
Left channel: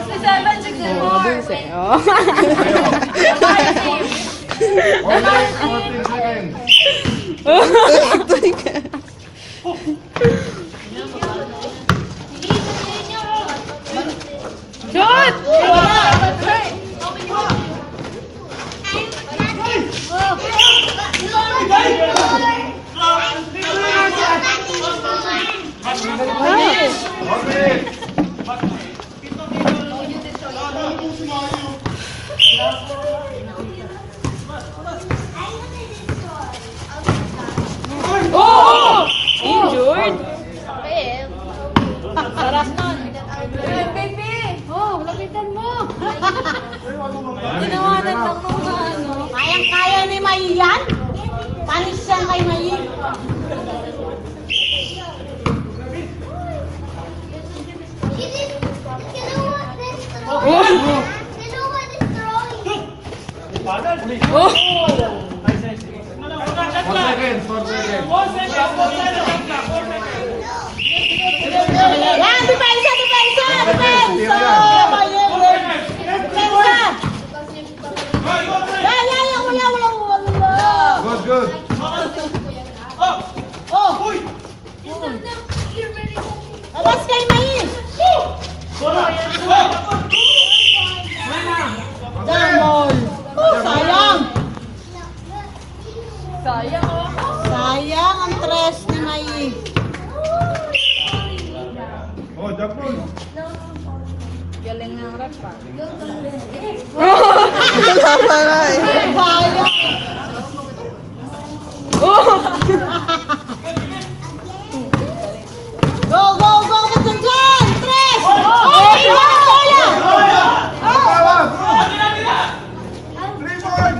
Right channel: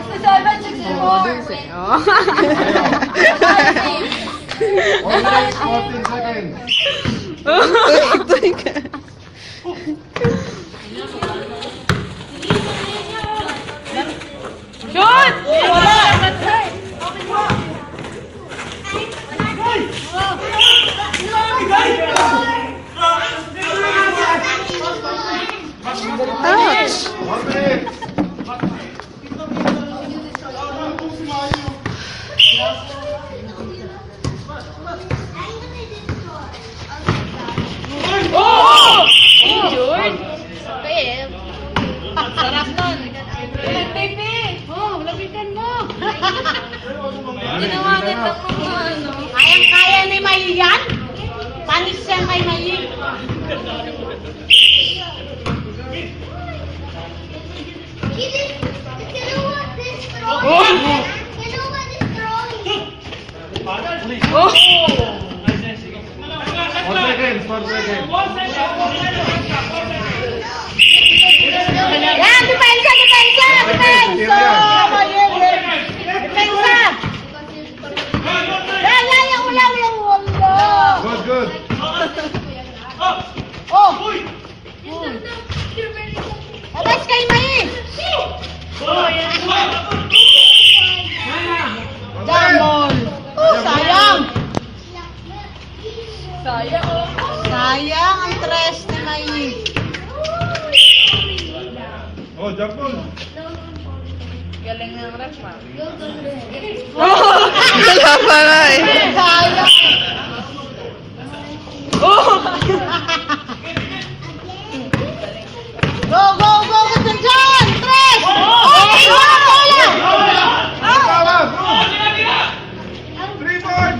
67, 64. Oh. 1 minute, 14 seconds. Tuloy ka. Ouch! 1 minute. Sarap nun. Baby! Oh, lapitan mo. Tinawanan lang ng ano. Kayang-kaya ni May yan? Panis yan kay May. Yan, depensa, depensa, depensa! Depensa! Yan, yan, yan, wala. Good, good. Oh! Awas kay May! Jamol! Oh, sayang! Sayang ang tres ni May. Oh, jump on. Galing ng ref pa. Wala pa nga eh. Sayang! Go, go, go! Ka dyan! Tres! Okay, wala! Tawag! 3 more!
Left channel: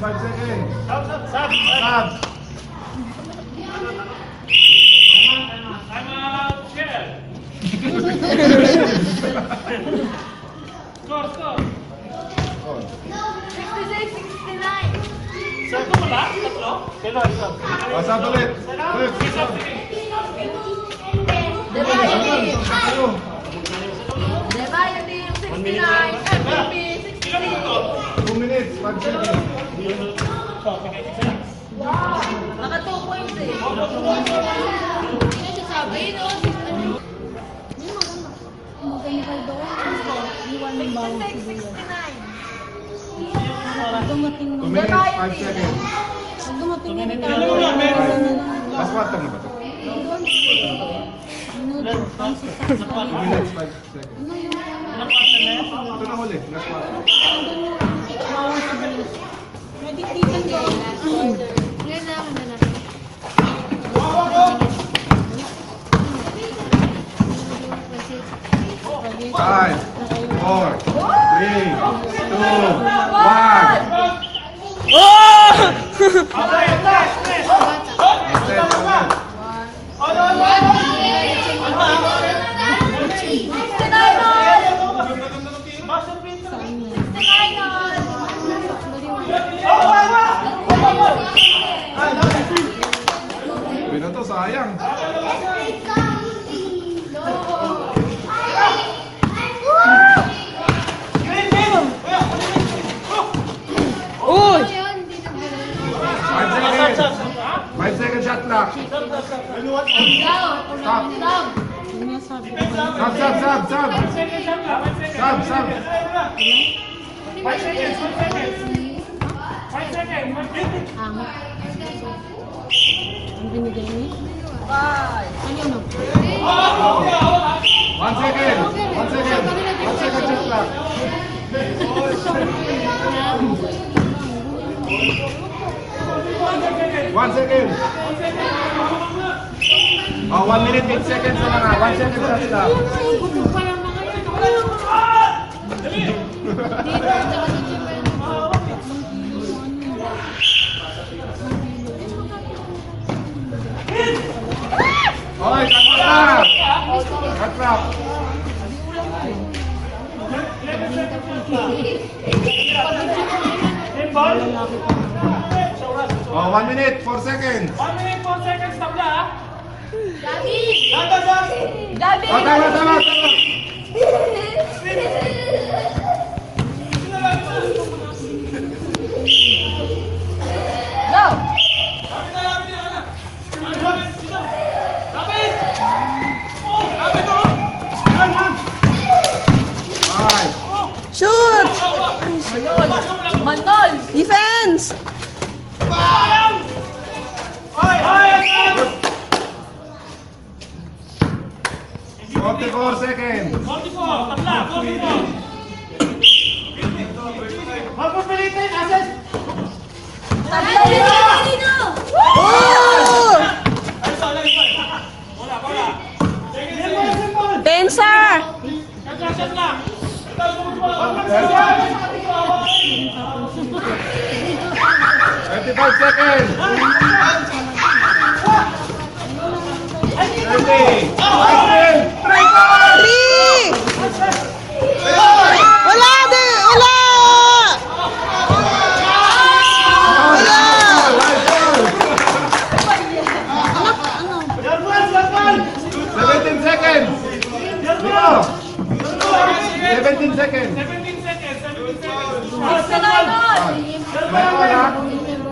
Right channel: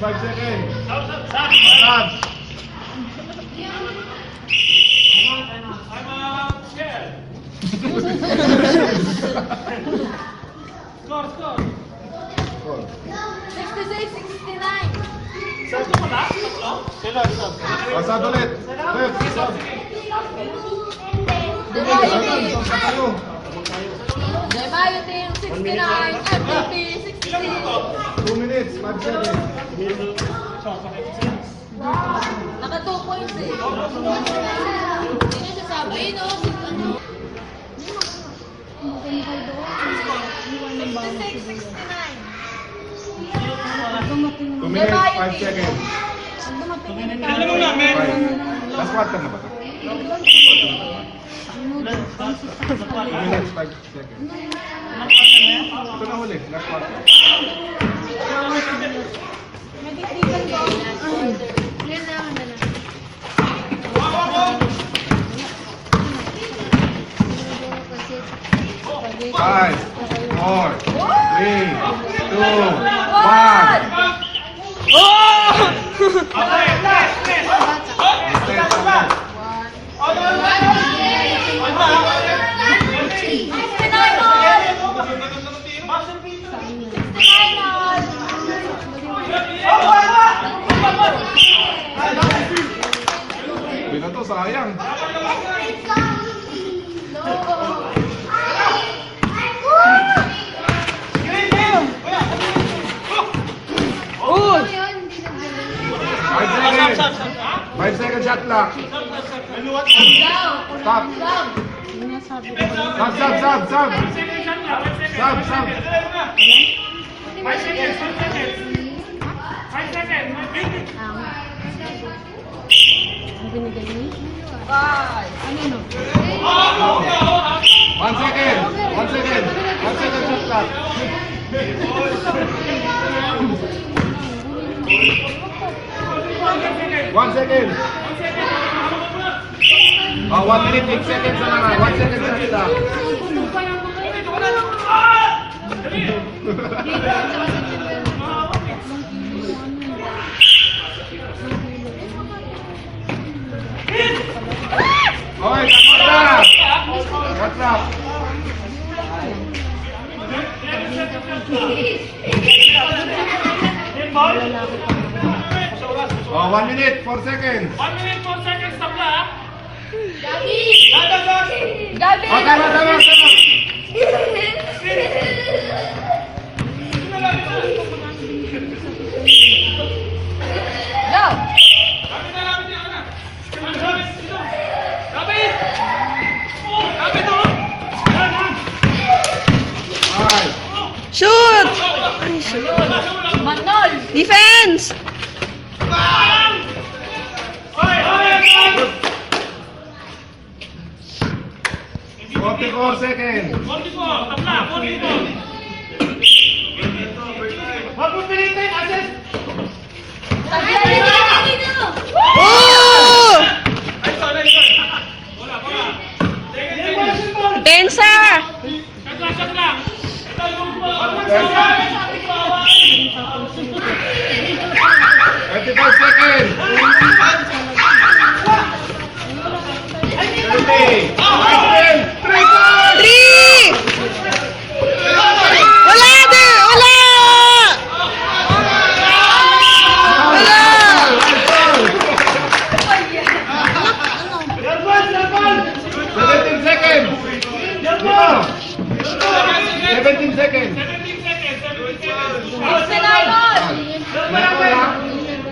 5 seconds. Stop. Stop. I'm scared. Score. 66, 69. Sarap mo ba? Tatlo? Sino? O, stop ulit. Stop. Tayo. Devaya team 69, MVP 66. 2 minutes, 5 seconds. Naka 2 points eh. Hindi siya sabi. Ayun o. Maganda doon. 66, 69. 2 minutes, 5 seconds. Last quarter na ba ito? 2 minutes, 5 seconds. Ito na huli, last quarter. Yan na. 5, 4, 3, 2, 1. Hindi na to, sayang. Uy! 5 seconds shot clock. Stop. Sub. 1 second shot ka. 1 second. Sub. 5 seconds. 5 seconds. 5 seconds. One second shot clock. 1 second. 1 minute, 8 seconds na lang. 1 second shot clock. Okay, cut clock. Then ball. 1 minute, 4 seconds. 1 minute, 4 seconds. Tabla. Okay. Shoot! Defense! 44 seconds. 44. Tabla. 44. Huwag mo pilitin. Assess. Oh! Ay, sorry. Wala. Tensa! Shot lang. 25 seconds. 30. 3! Wala! Wala! Wala! 17 seconds. 17 seconds. 17 seconds.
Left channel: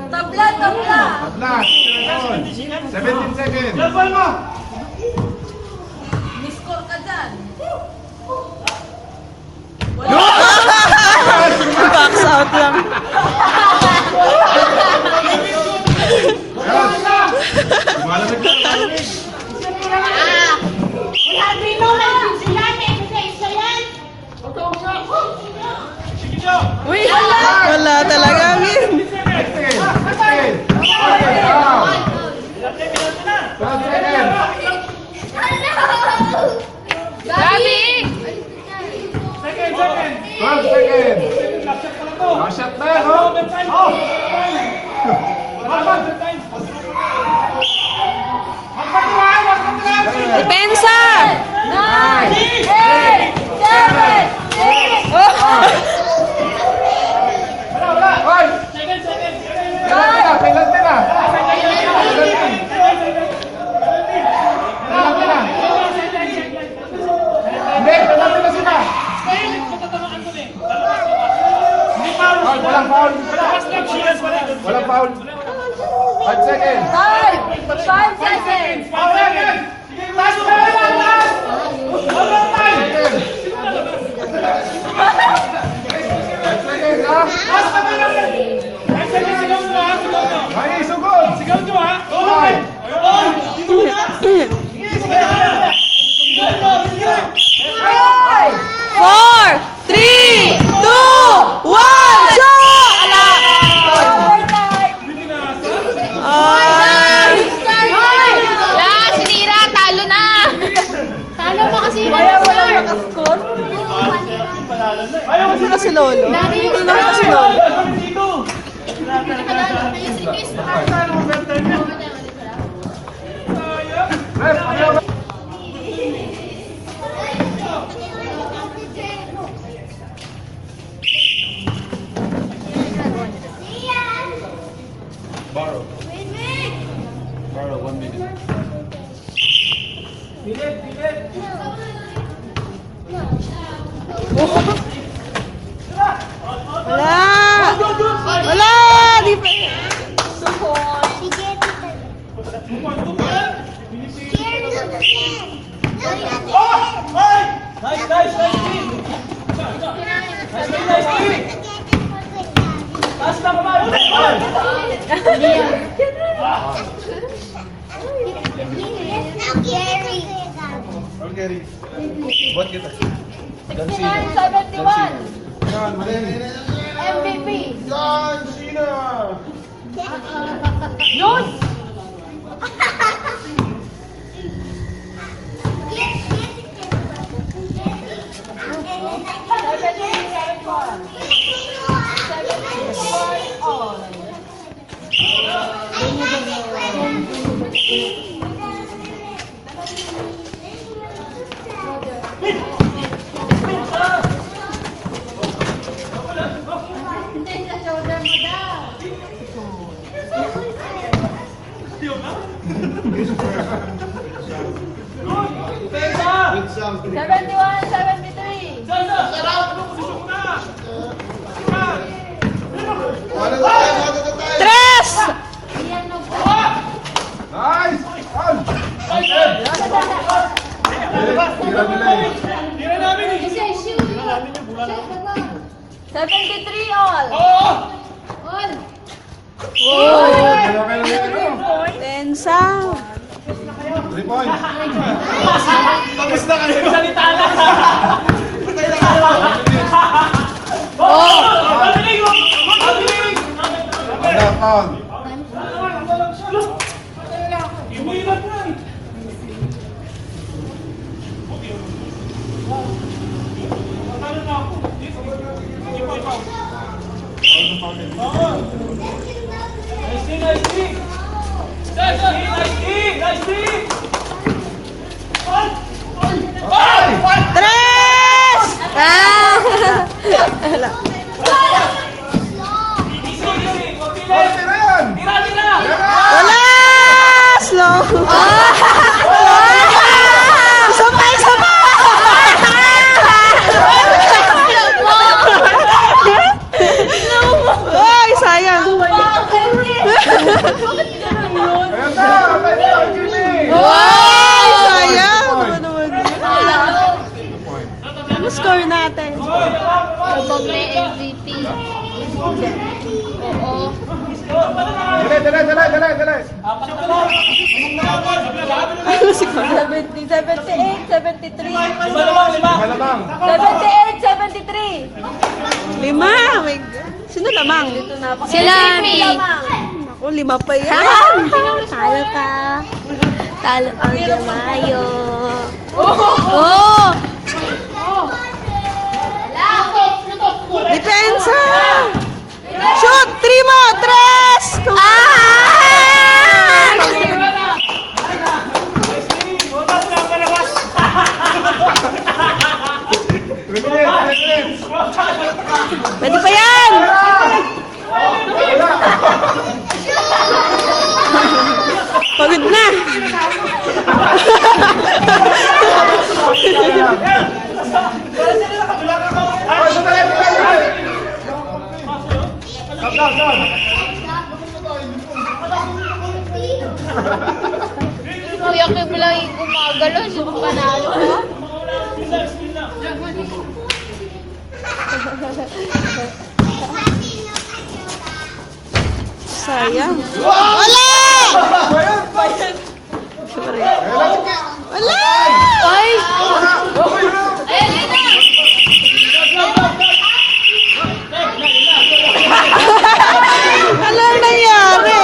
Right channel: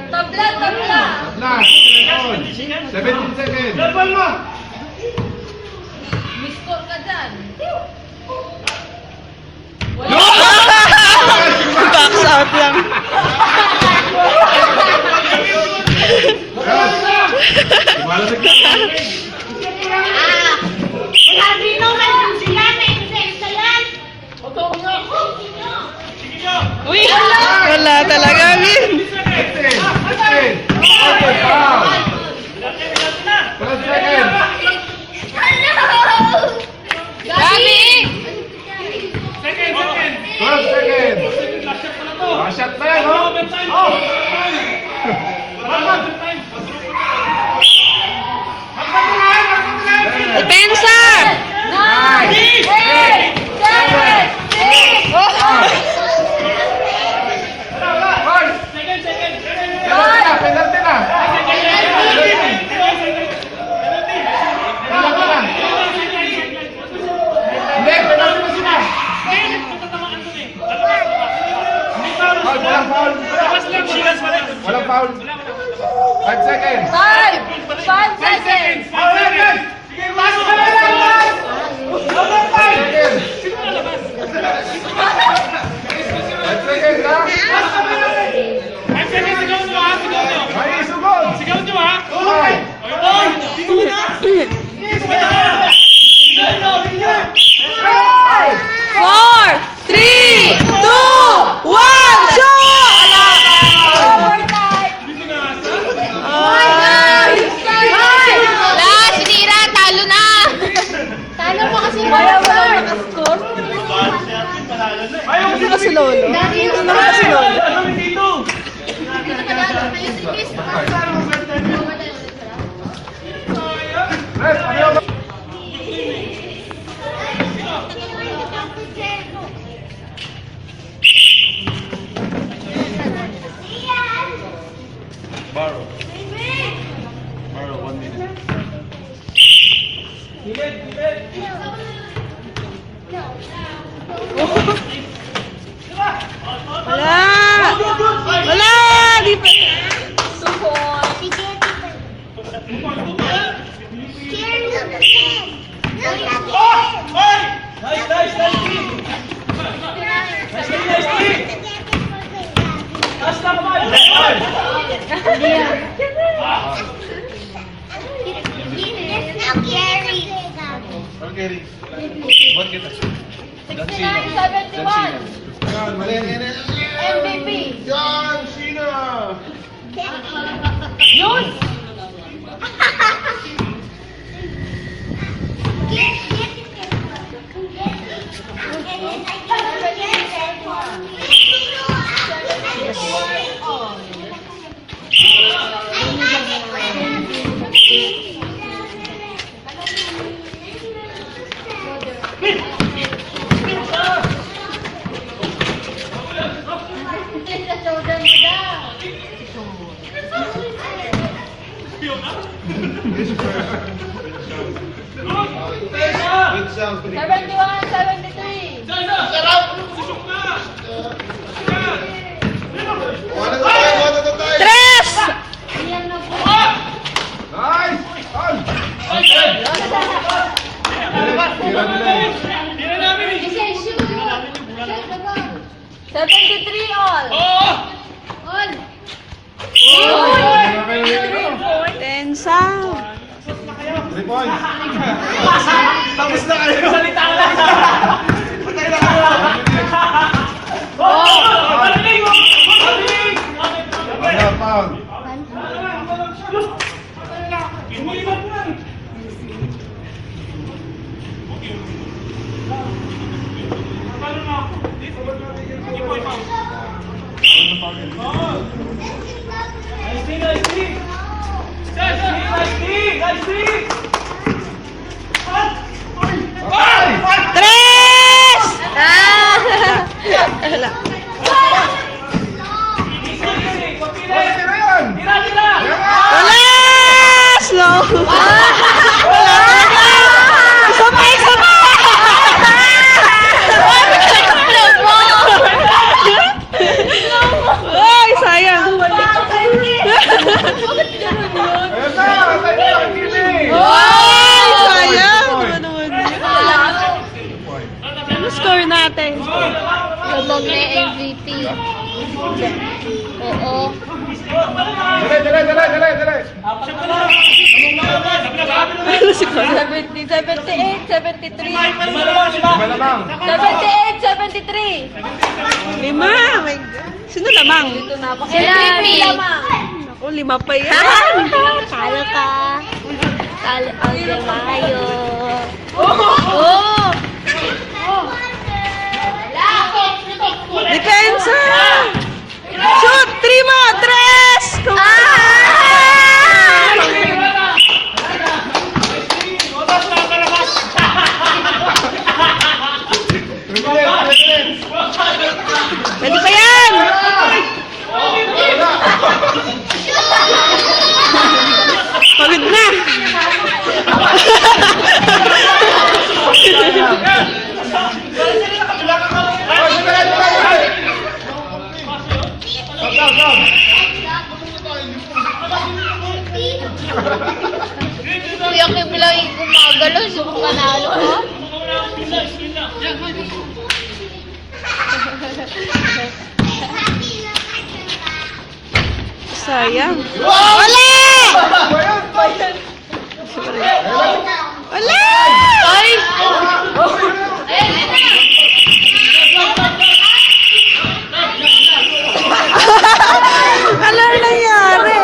Tabla. Last. 17 seconds. Miss-score ka dyan. Box out lang. Wala talaga, Min. 12 seconds. Gabi! Second. 12 seconds. Last shot pa lang. to. Shot na yan, Wala oh. overtime. Overtime. Wala na, overtime. Depensa! Second, second. Penalty na. Hindi, penalty na sila. Matatamaan ko eh. Lalabas, labas. Hindi foul. Walang foul. Labas lang, sigas wala. Walang foul. 5 seconds. 5 seconds. Foul lang yan. Sige, pass mo na lang. 5 seconds. 5 seconds, ha? 5 seconds, sigaw nyo ha, sigaw nyo. May isugod. Sigaw nyo ha. Ay. Oy! 4, 3, 2, 1, shoot! Ala! Ay! Wala, sinira, talo na. Talo mo kasi yung Ayaw, Hindi kasi lolo. Hindi naman kasi lolo. ano dito? Borrow. Borrow, 1 minute. Wala! Wala! Di pa... Nice, nice, nice kick. Nice kick, nice kick. Taas lang ba? Okay, buat kita. Dan Cena. 71. Yan, mali. MVP. John Cena. Good sound. 71, 73. Tres! Nice. On. Tira nila eh. Tira namin eh. 73 all. Oo! All. Tira kayo dito. Tensa! 3 points. Tapos na kayo. Salita lang. Oo! Magaling! Magaling! Wala foul. Iniwan lang. Ano na ako? Hindi po ipaw. Oo. Nice kick, nice kick. Nice kick, nice kick. Tres! Wala. Tira yan. Tira, tira. Wala! Slow! Wala talaga! Isa pa! Isa pa! Ay, sayang! Ayan na. Tayo, Jimmy. Ay, sayang! Ano naman? Ano score natin? Doble MVP. Oo. Dali. Apat na lang. Ano si Kuya? 70, 78, 73. Lima lamang, lima. Malamang. 78, 73. 5! My God. Sino lamang? Si Rami. Ako, 5 pa yan! Talo ka. Talo ka, Jamayo. Oo. Depensa! Pwede pa yan! Pagod na! Kuya Kim lang yung gumagalaw. Suko ka na. Sayang. Wala! Wala! Ay! Ayun na! Ano ang nangyari?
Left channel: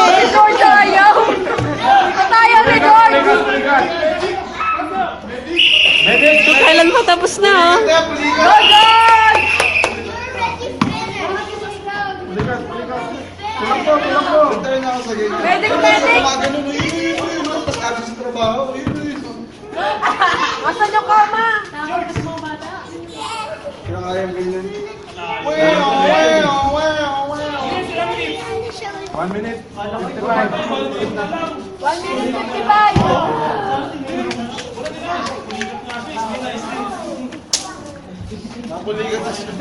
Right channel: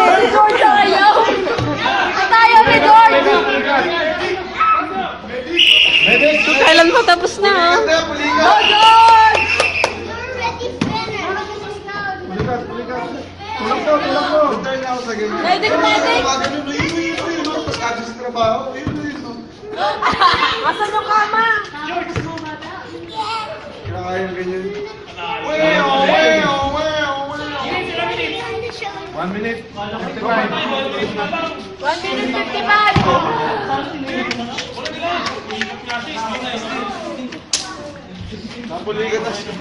So, kailan pa tapos na, oh? Medic, medic! Asan yung kama? One minute. 1 minute 55! Napuligat na siya.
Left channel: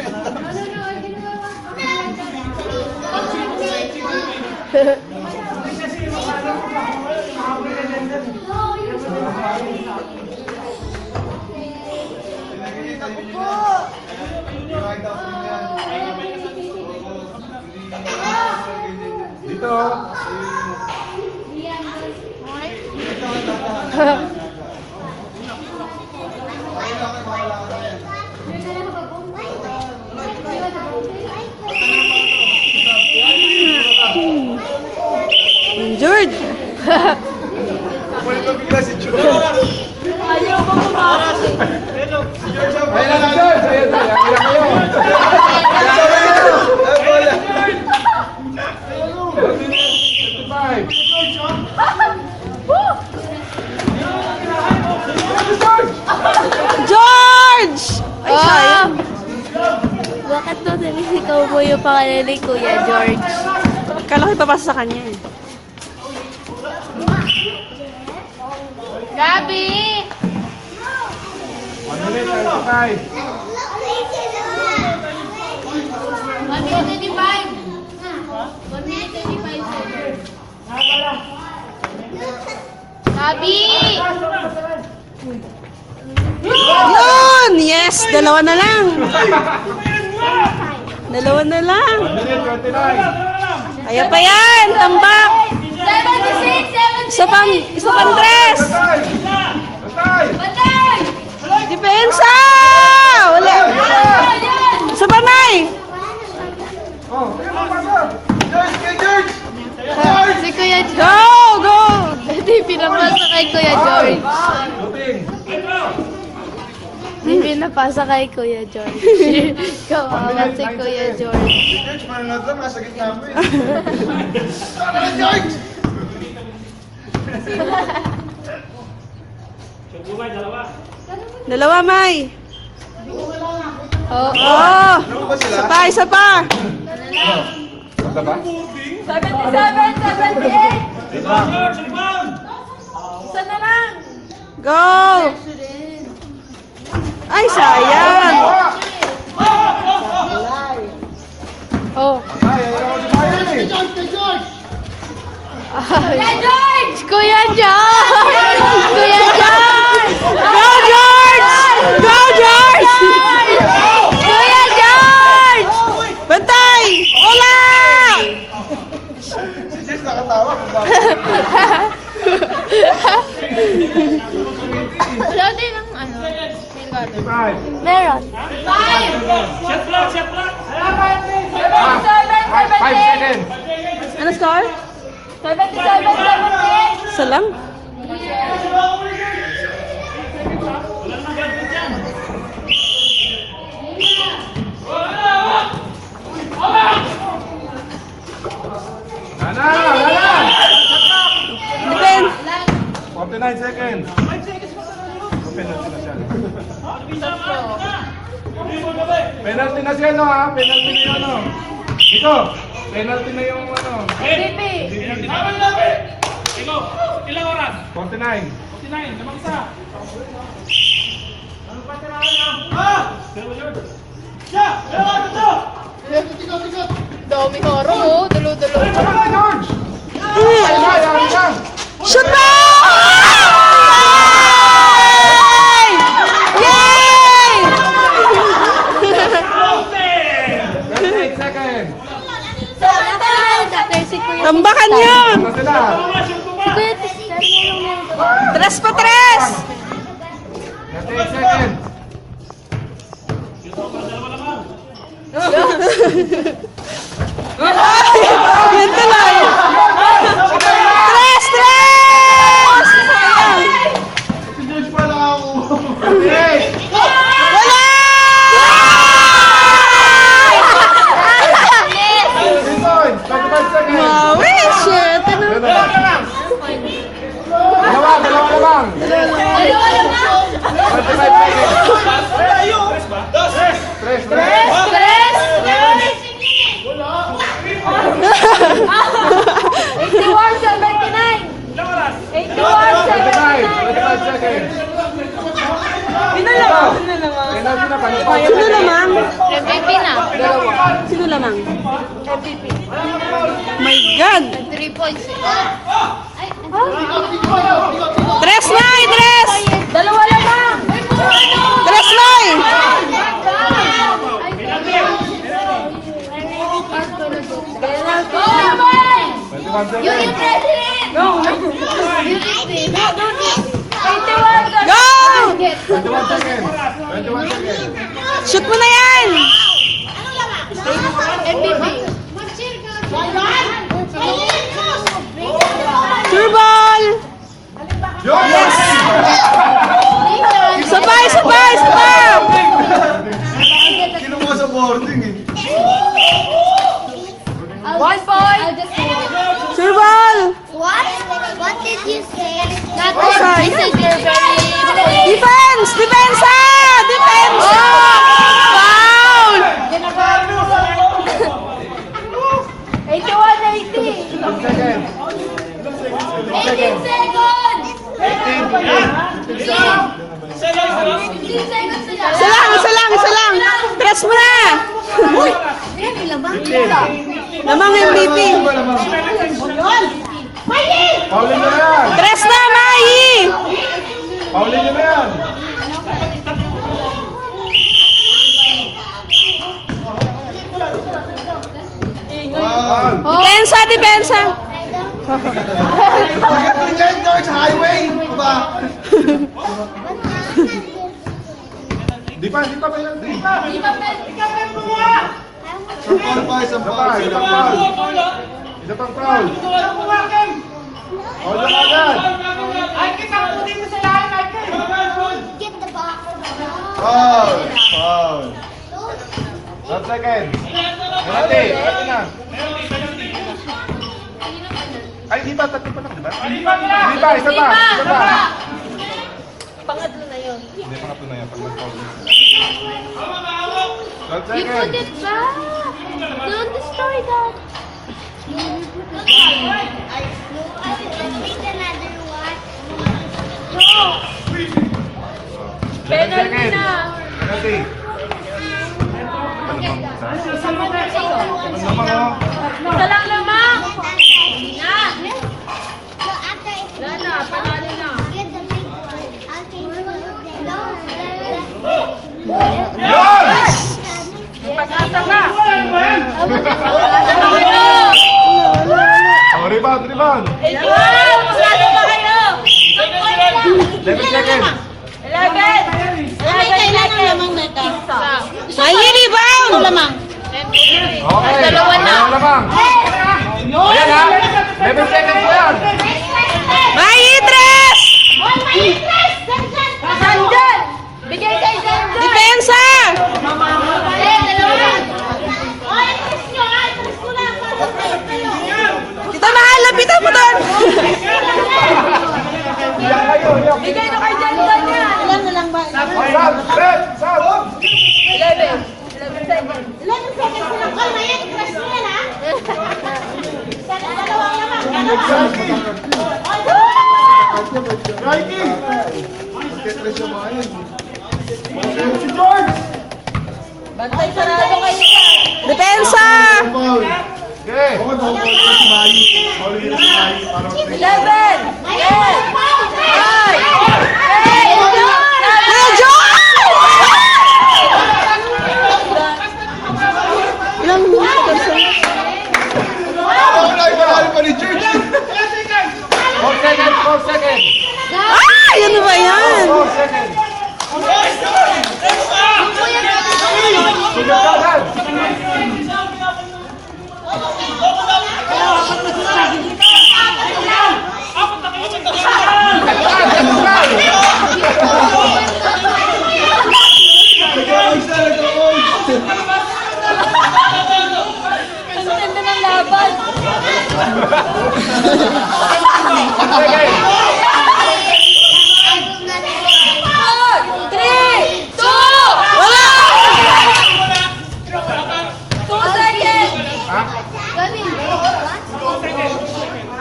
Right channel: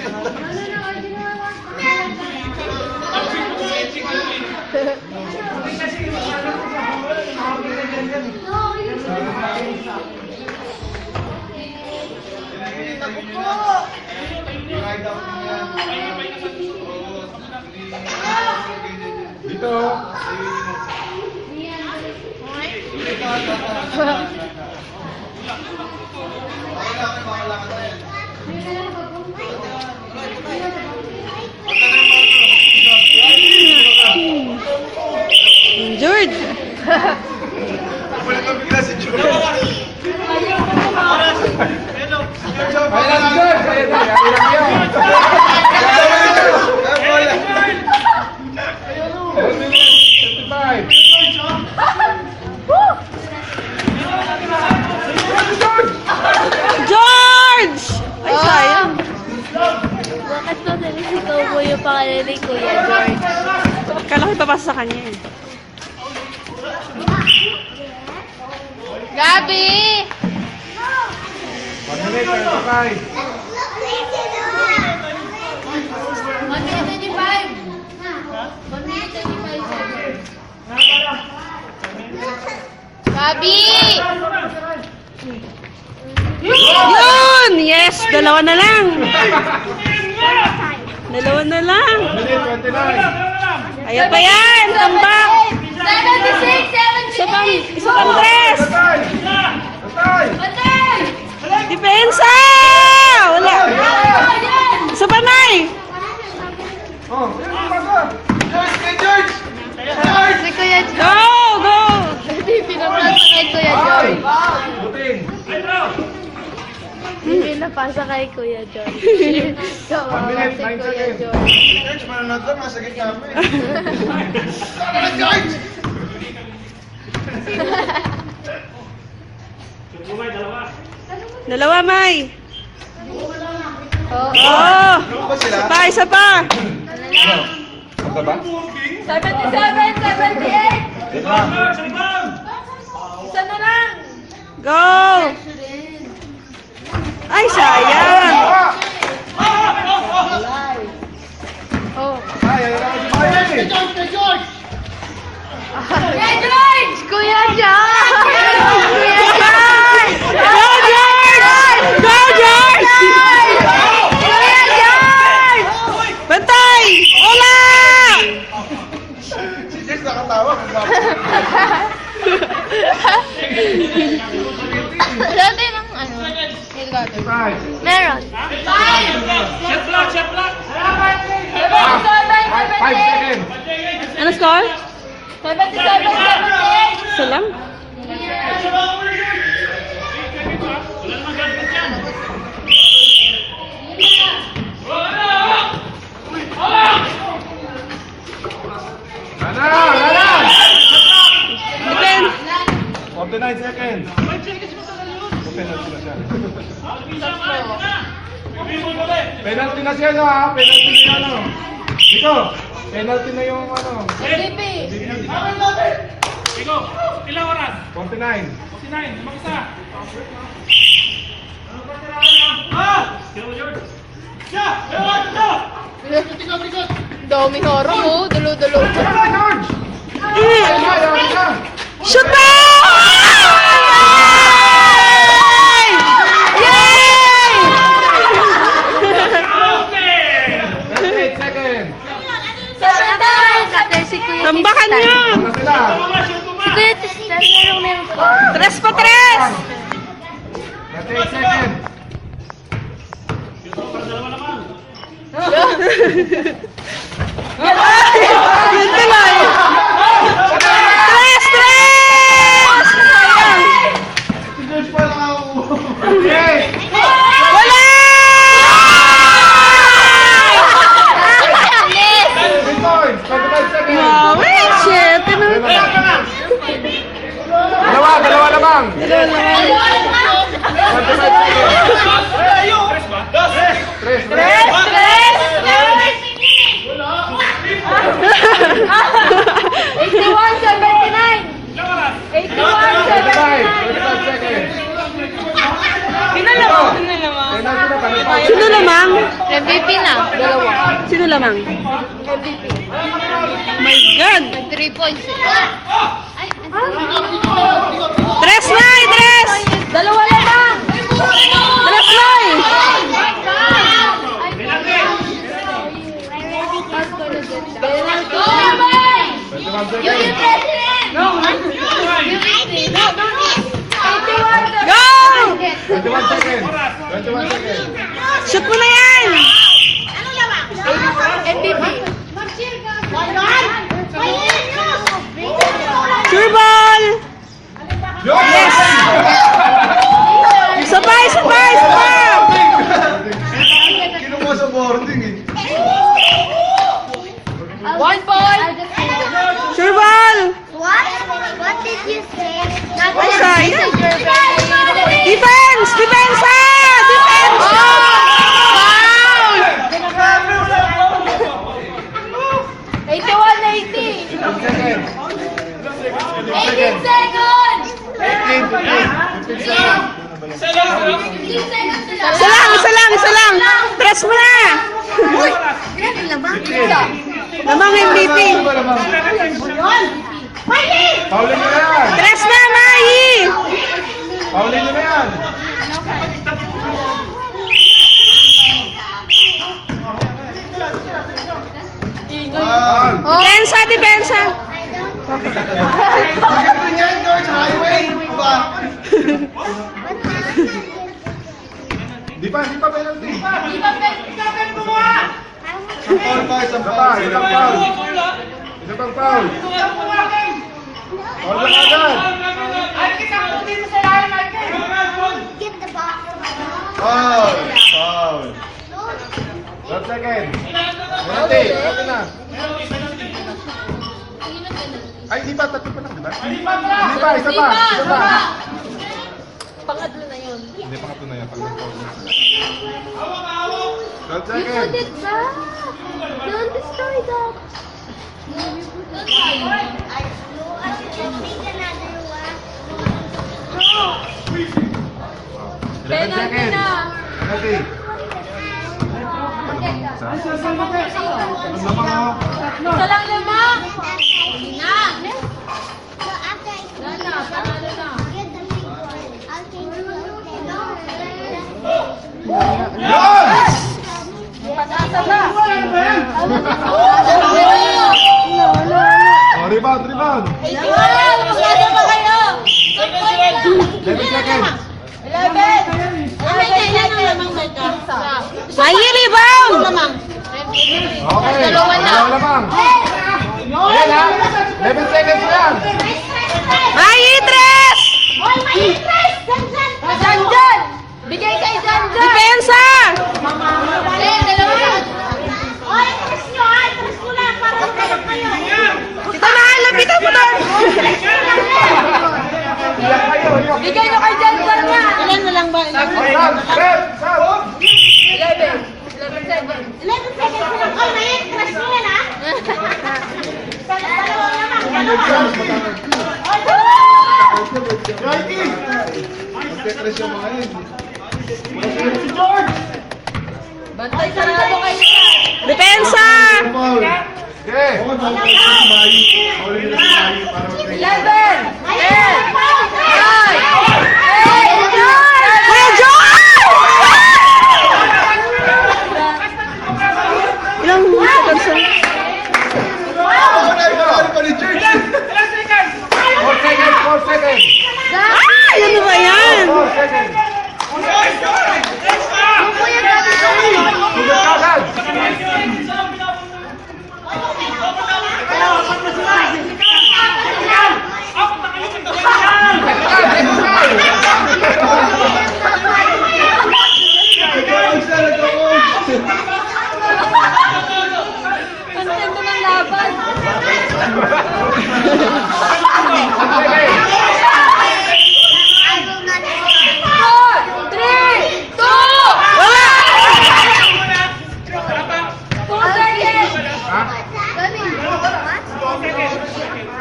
Dito. Injured. Wala pa bigla si Joe. Ay, nasa George! George! Ay, sayang. Bakit daw sabi si Cowboy yung pangalan ni Kuya George? Kala ko ipapasa sa kanya, eh. Gabi! 1 minute, 35. 1 minute 25! 1 minute 25 Gabi! Yun! Yes! Dalawa na lang. Dalawa na lang. 1 minute, 29. Kaya pa yan! Tambak! 76! 76! Isa pang tres! Patay! Patay! Depensa! Wala! Isa pa, Nay! Oh, George! Kay George! George! Si Kuya George. Go! Go! Hindi, pinapasa kay Kuya George. Buting! Pinapasa kay Kuya George. Kawawa si Kuya George. George, mananod lang, nasa gitna mo eh. Tama na, George! Dalawa, May! Oh. Oh! Ano ba sila? Isa pa, isa pa! Ganda ba? 77, 78! Isa na lang! Go! Ay, sayang! Oh. Ay, ay, Kuya George! Kuya George! Kuya George! Go, George! Go, George! Kuya George! Bantay! Wala! Si Jess nakatawa. Wala din ang ano. Five. Meron. 5 seconds. Ano score? 77, 78! Isa lang? Depend. 49 seconds. Open na sila siya. 20 Penalty na siya, no, ha? Penalty na yun, no? Dito, penalty na yung, ano. Penalty na. Ikaw, ilang oras? 49. 49, namang isa. Dami horo, oh. Dulo-dulo. Shoot ba? Yay! Yay! 28 seconds. Si Kuya Tambakan mo! Ano sila? Si Kuya Tristan, meron. 3 pa 3! 38 seconds. Yan tuloy! 3! Sayang! Si George pala ako. Wala! 3 points. 45 seconds. Wow, shit! Dalawa lamang. 45 seconds. 45 seconds. Sino lamang? MVP na. Sino lamang? My God! 3 points. Tres na! Tres! Dalawa lang. Tres na! Go! 21 seconds. 21 seconds. Shoot mo na yan! Sure ball! Yes! Sabay! Sabay! Sabay! Kinuha sa boarding eh. 1 point. Sure ball! What did you say? Ay, sayang! Defense! Depensa! Depensa! Foul! 81-80. 15 seconds. 18 seconds. 18, 15 seconds. 15 seconds sila. Isa lang! Isa lang! Isa lang! Tres mo na! Uy! 15. Lamang MVP! Paulin nyo na yan. Tres na, Mai! Paulin nyo na yan. Depensa! Depensa! Ito niya yung George Highway. Diba? Di pa penalty. Sampal pa, sampal. Isa pang foul. Foul na agad. Get the ball. Foul. Foul. 12 seconds. Penalty. Penalty na. Ay, di pa. Tatlo pa lang, di ba? Di pa. Isa pa. Isa pa. Pangatlo na yun. Hindi pa na yun. 12 You seconds. put it back. Don't destroy that. Penalty. Penalty. Isa lang lamang. Hindi na. Lala, panalo na. Oh, rebound, rebound. 11 seconds. Mai, rebound! Okay. Dalawa na. Lamang. Ayan ha. 11 seconds lang. Mai, tres! Bigay kay Janjan. Depensa! Tita Mahal, lapitan mo doon! Bigay na kay Janjan yan. Ilan na lang ba? Sab, Sab, Sab. 11 seconds. 11 seconds na lang. All na yan. Crush mo yan, ha? Dalawa naman. Dalawa. All, dalawa. Mikey! Magkaklas yung mga yun. Bantay sarado kayo. Depensa! Okay. Oo, bawal ko si Mayu. Bawal ko si Mayu. Ayun! Kuya George! Ilang seconds na? Wala, inahal pa ni George. 4 seconds, 4 seconds. Ah! Ano ba yan? 4 seconds. Wala!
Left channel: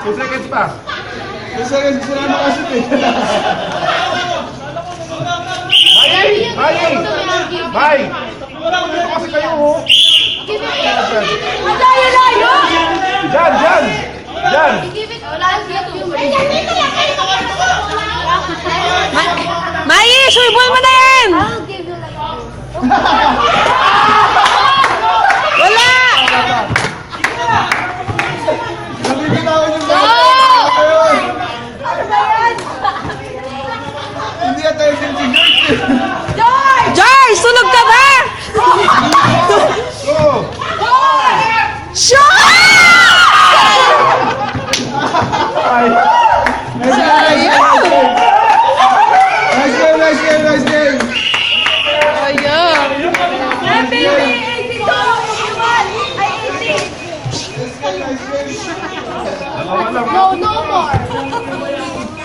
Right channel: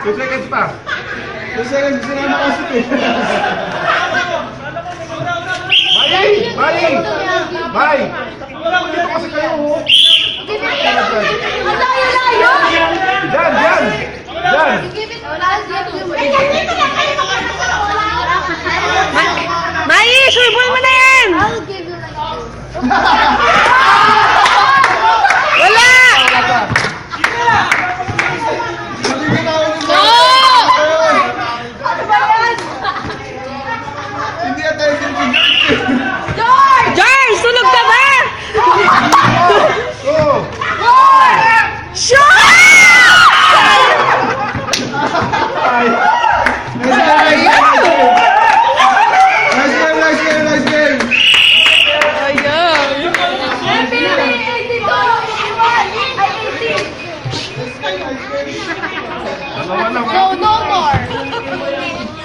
2 seconds pa. 2 seconds, sila na kasi eh. Bye! Kasi kayo ho. Diyan, diyan! Diyan! Mai, surbol mo na yan! I'll give you like Wala! Sabihin na ako ng mga. Hindi attention si George. George, sunog ka ba? Go! Shot! Nice game, nice game, nice game! Ayan. no more.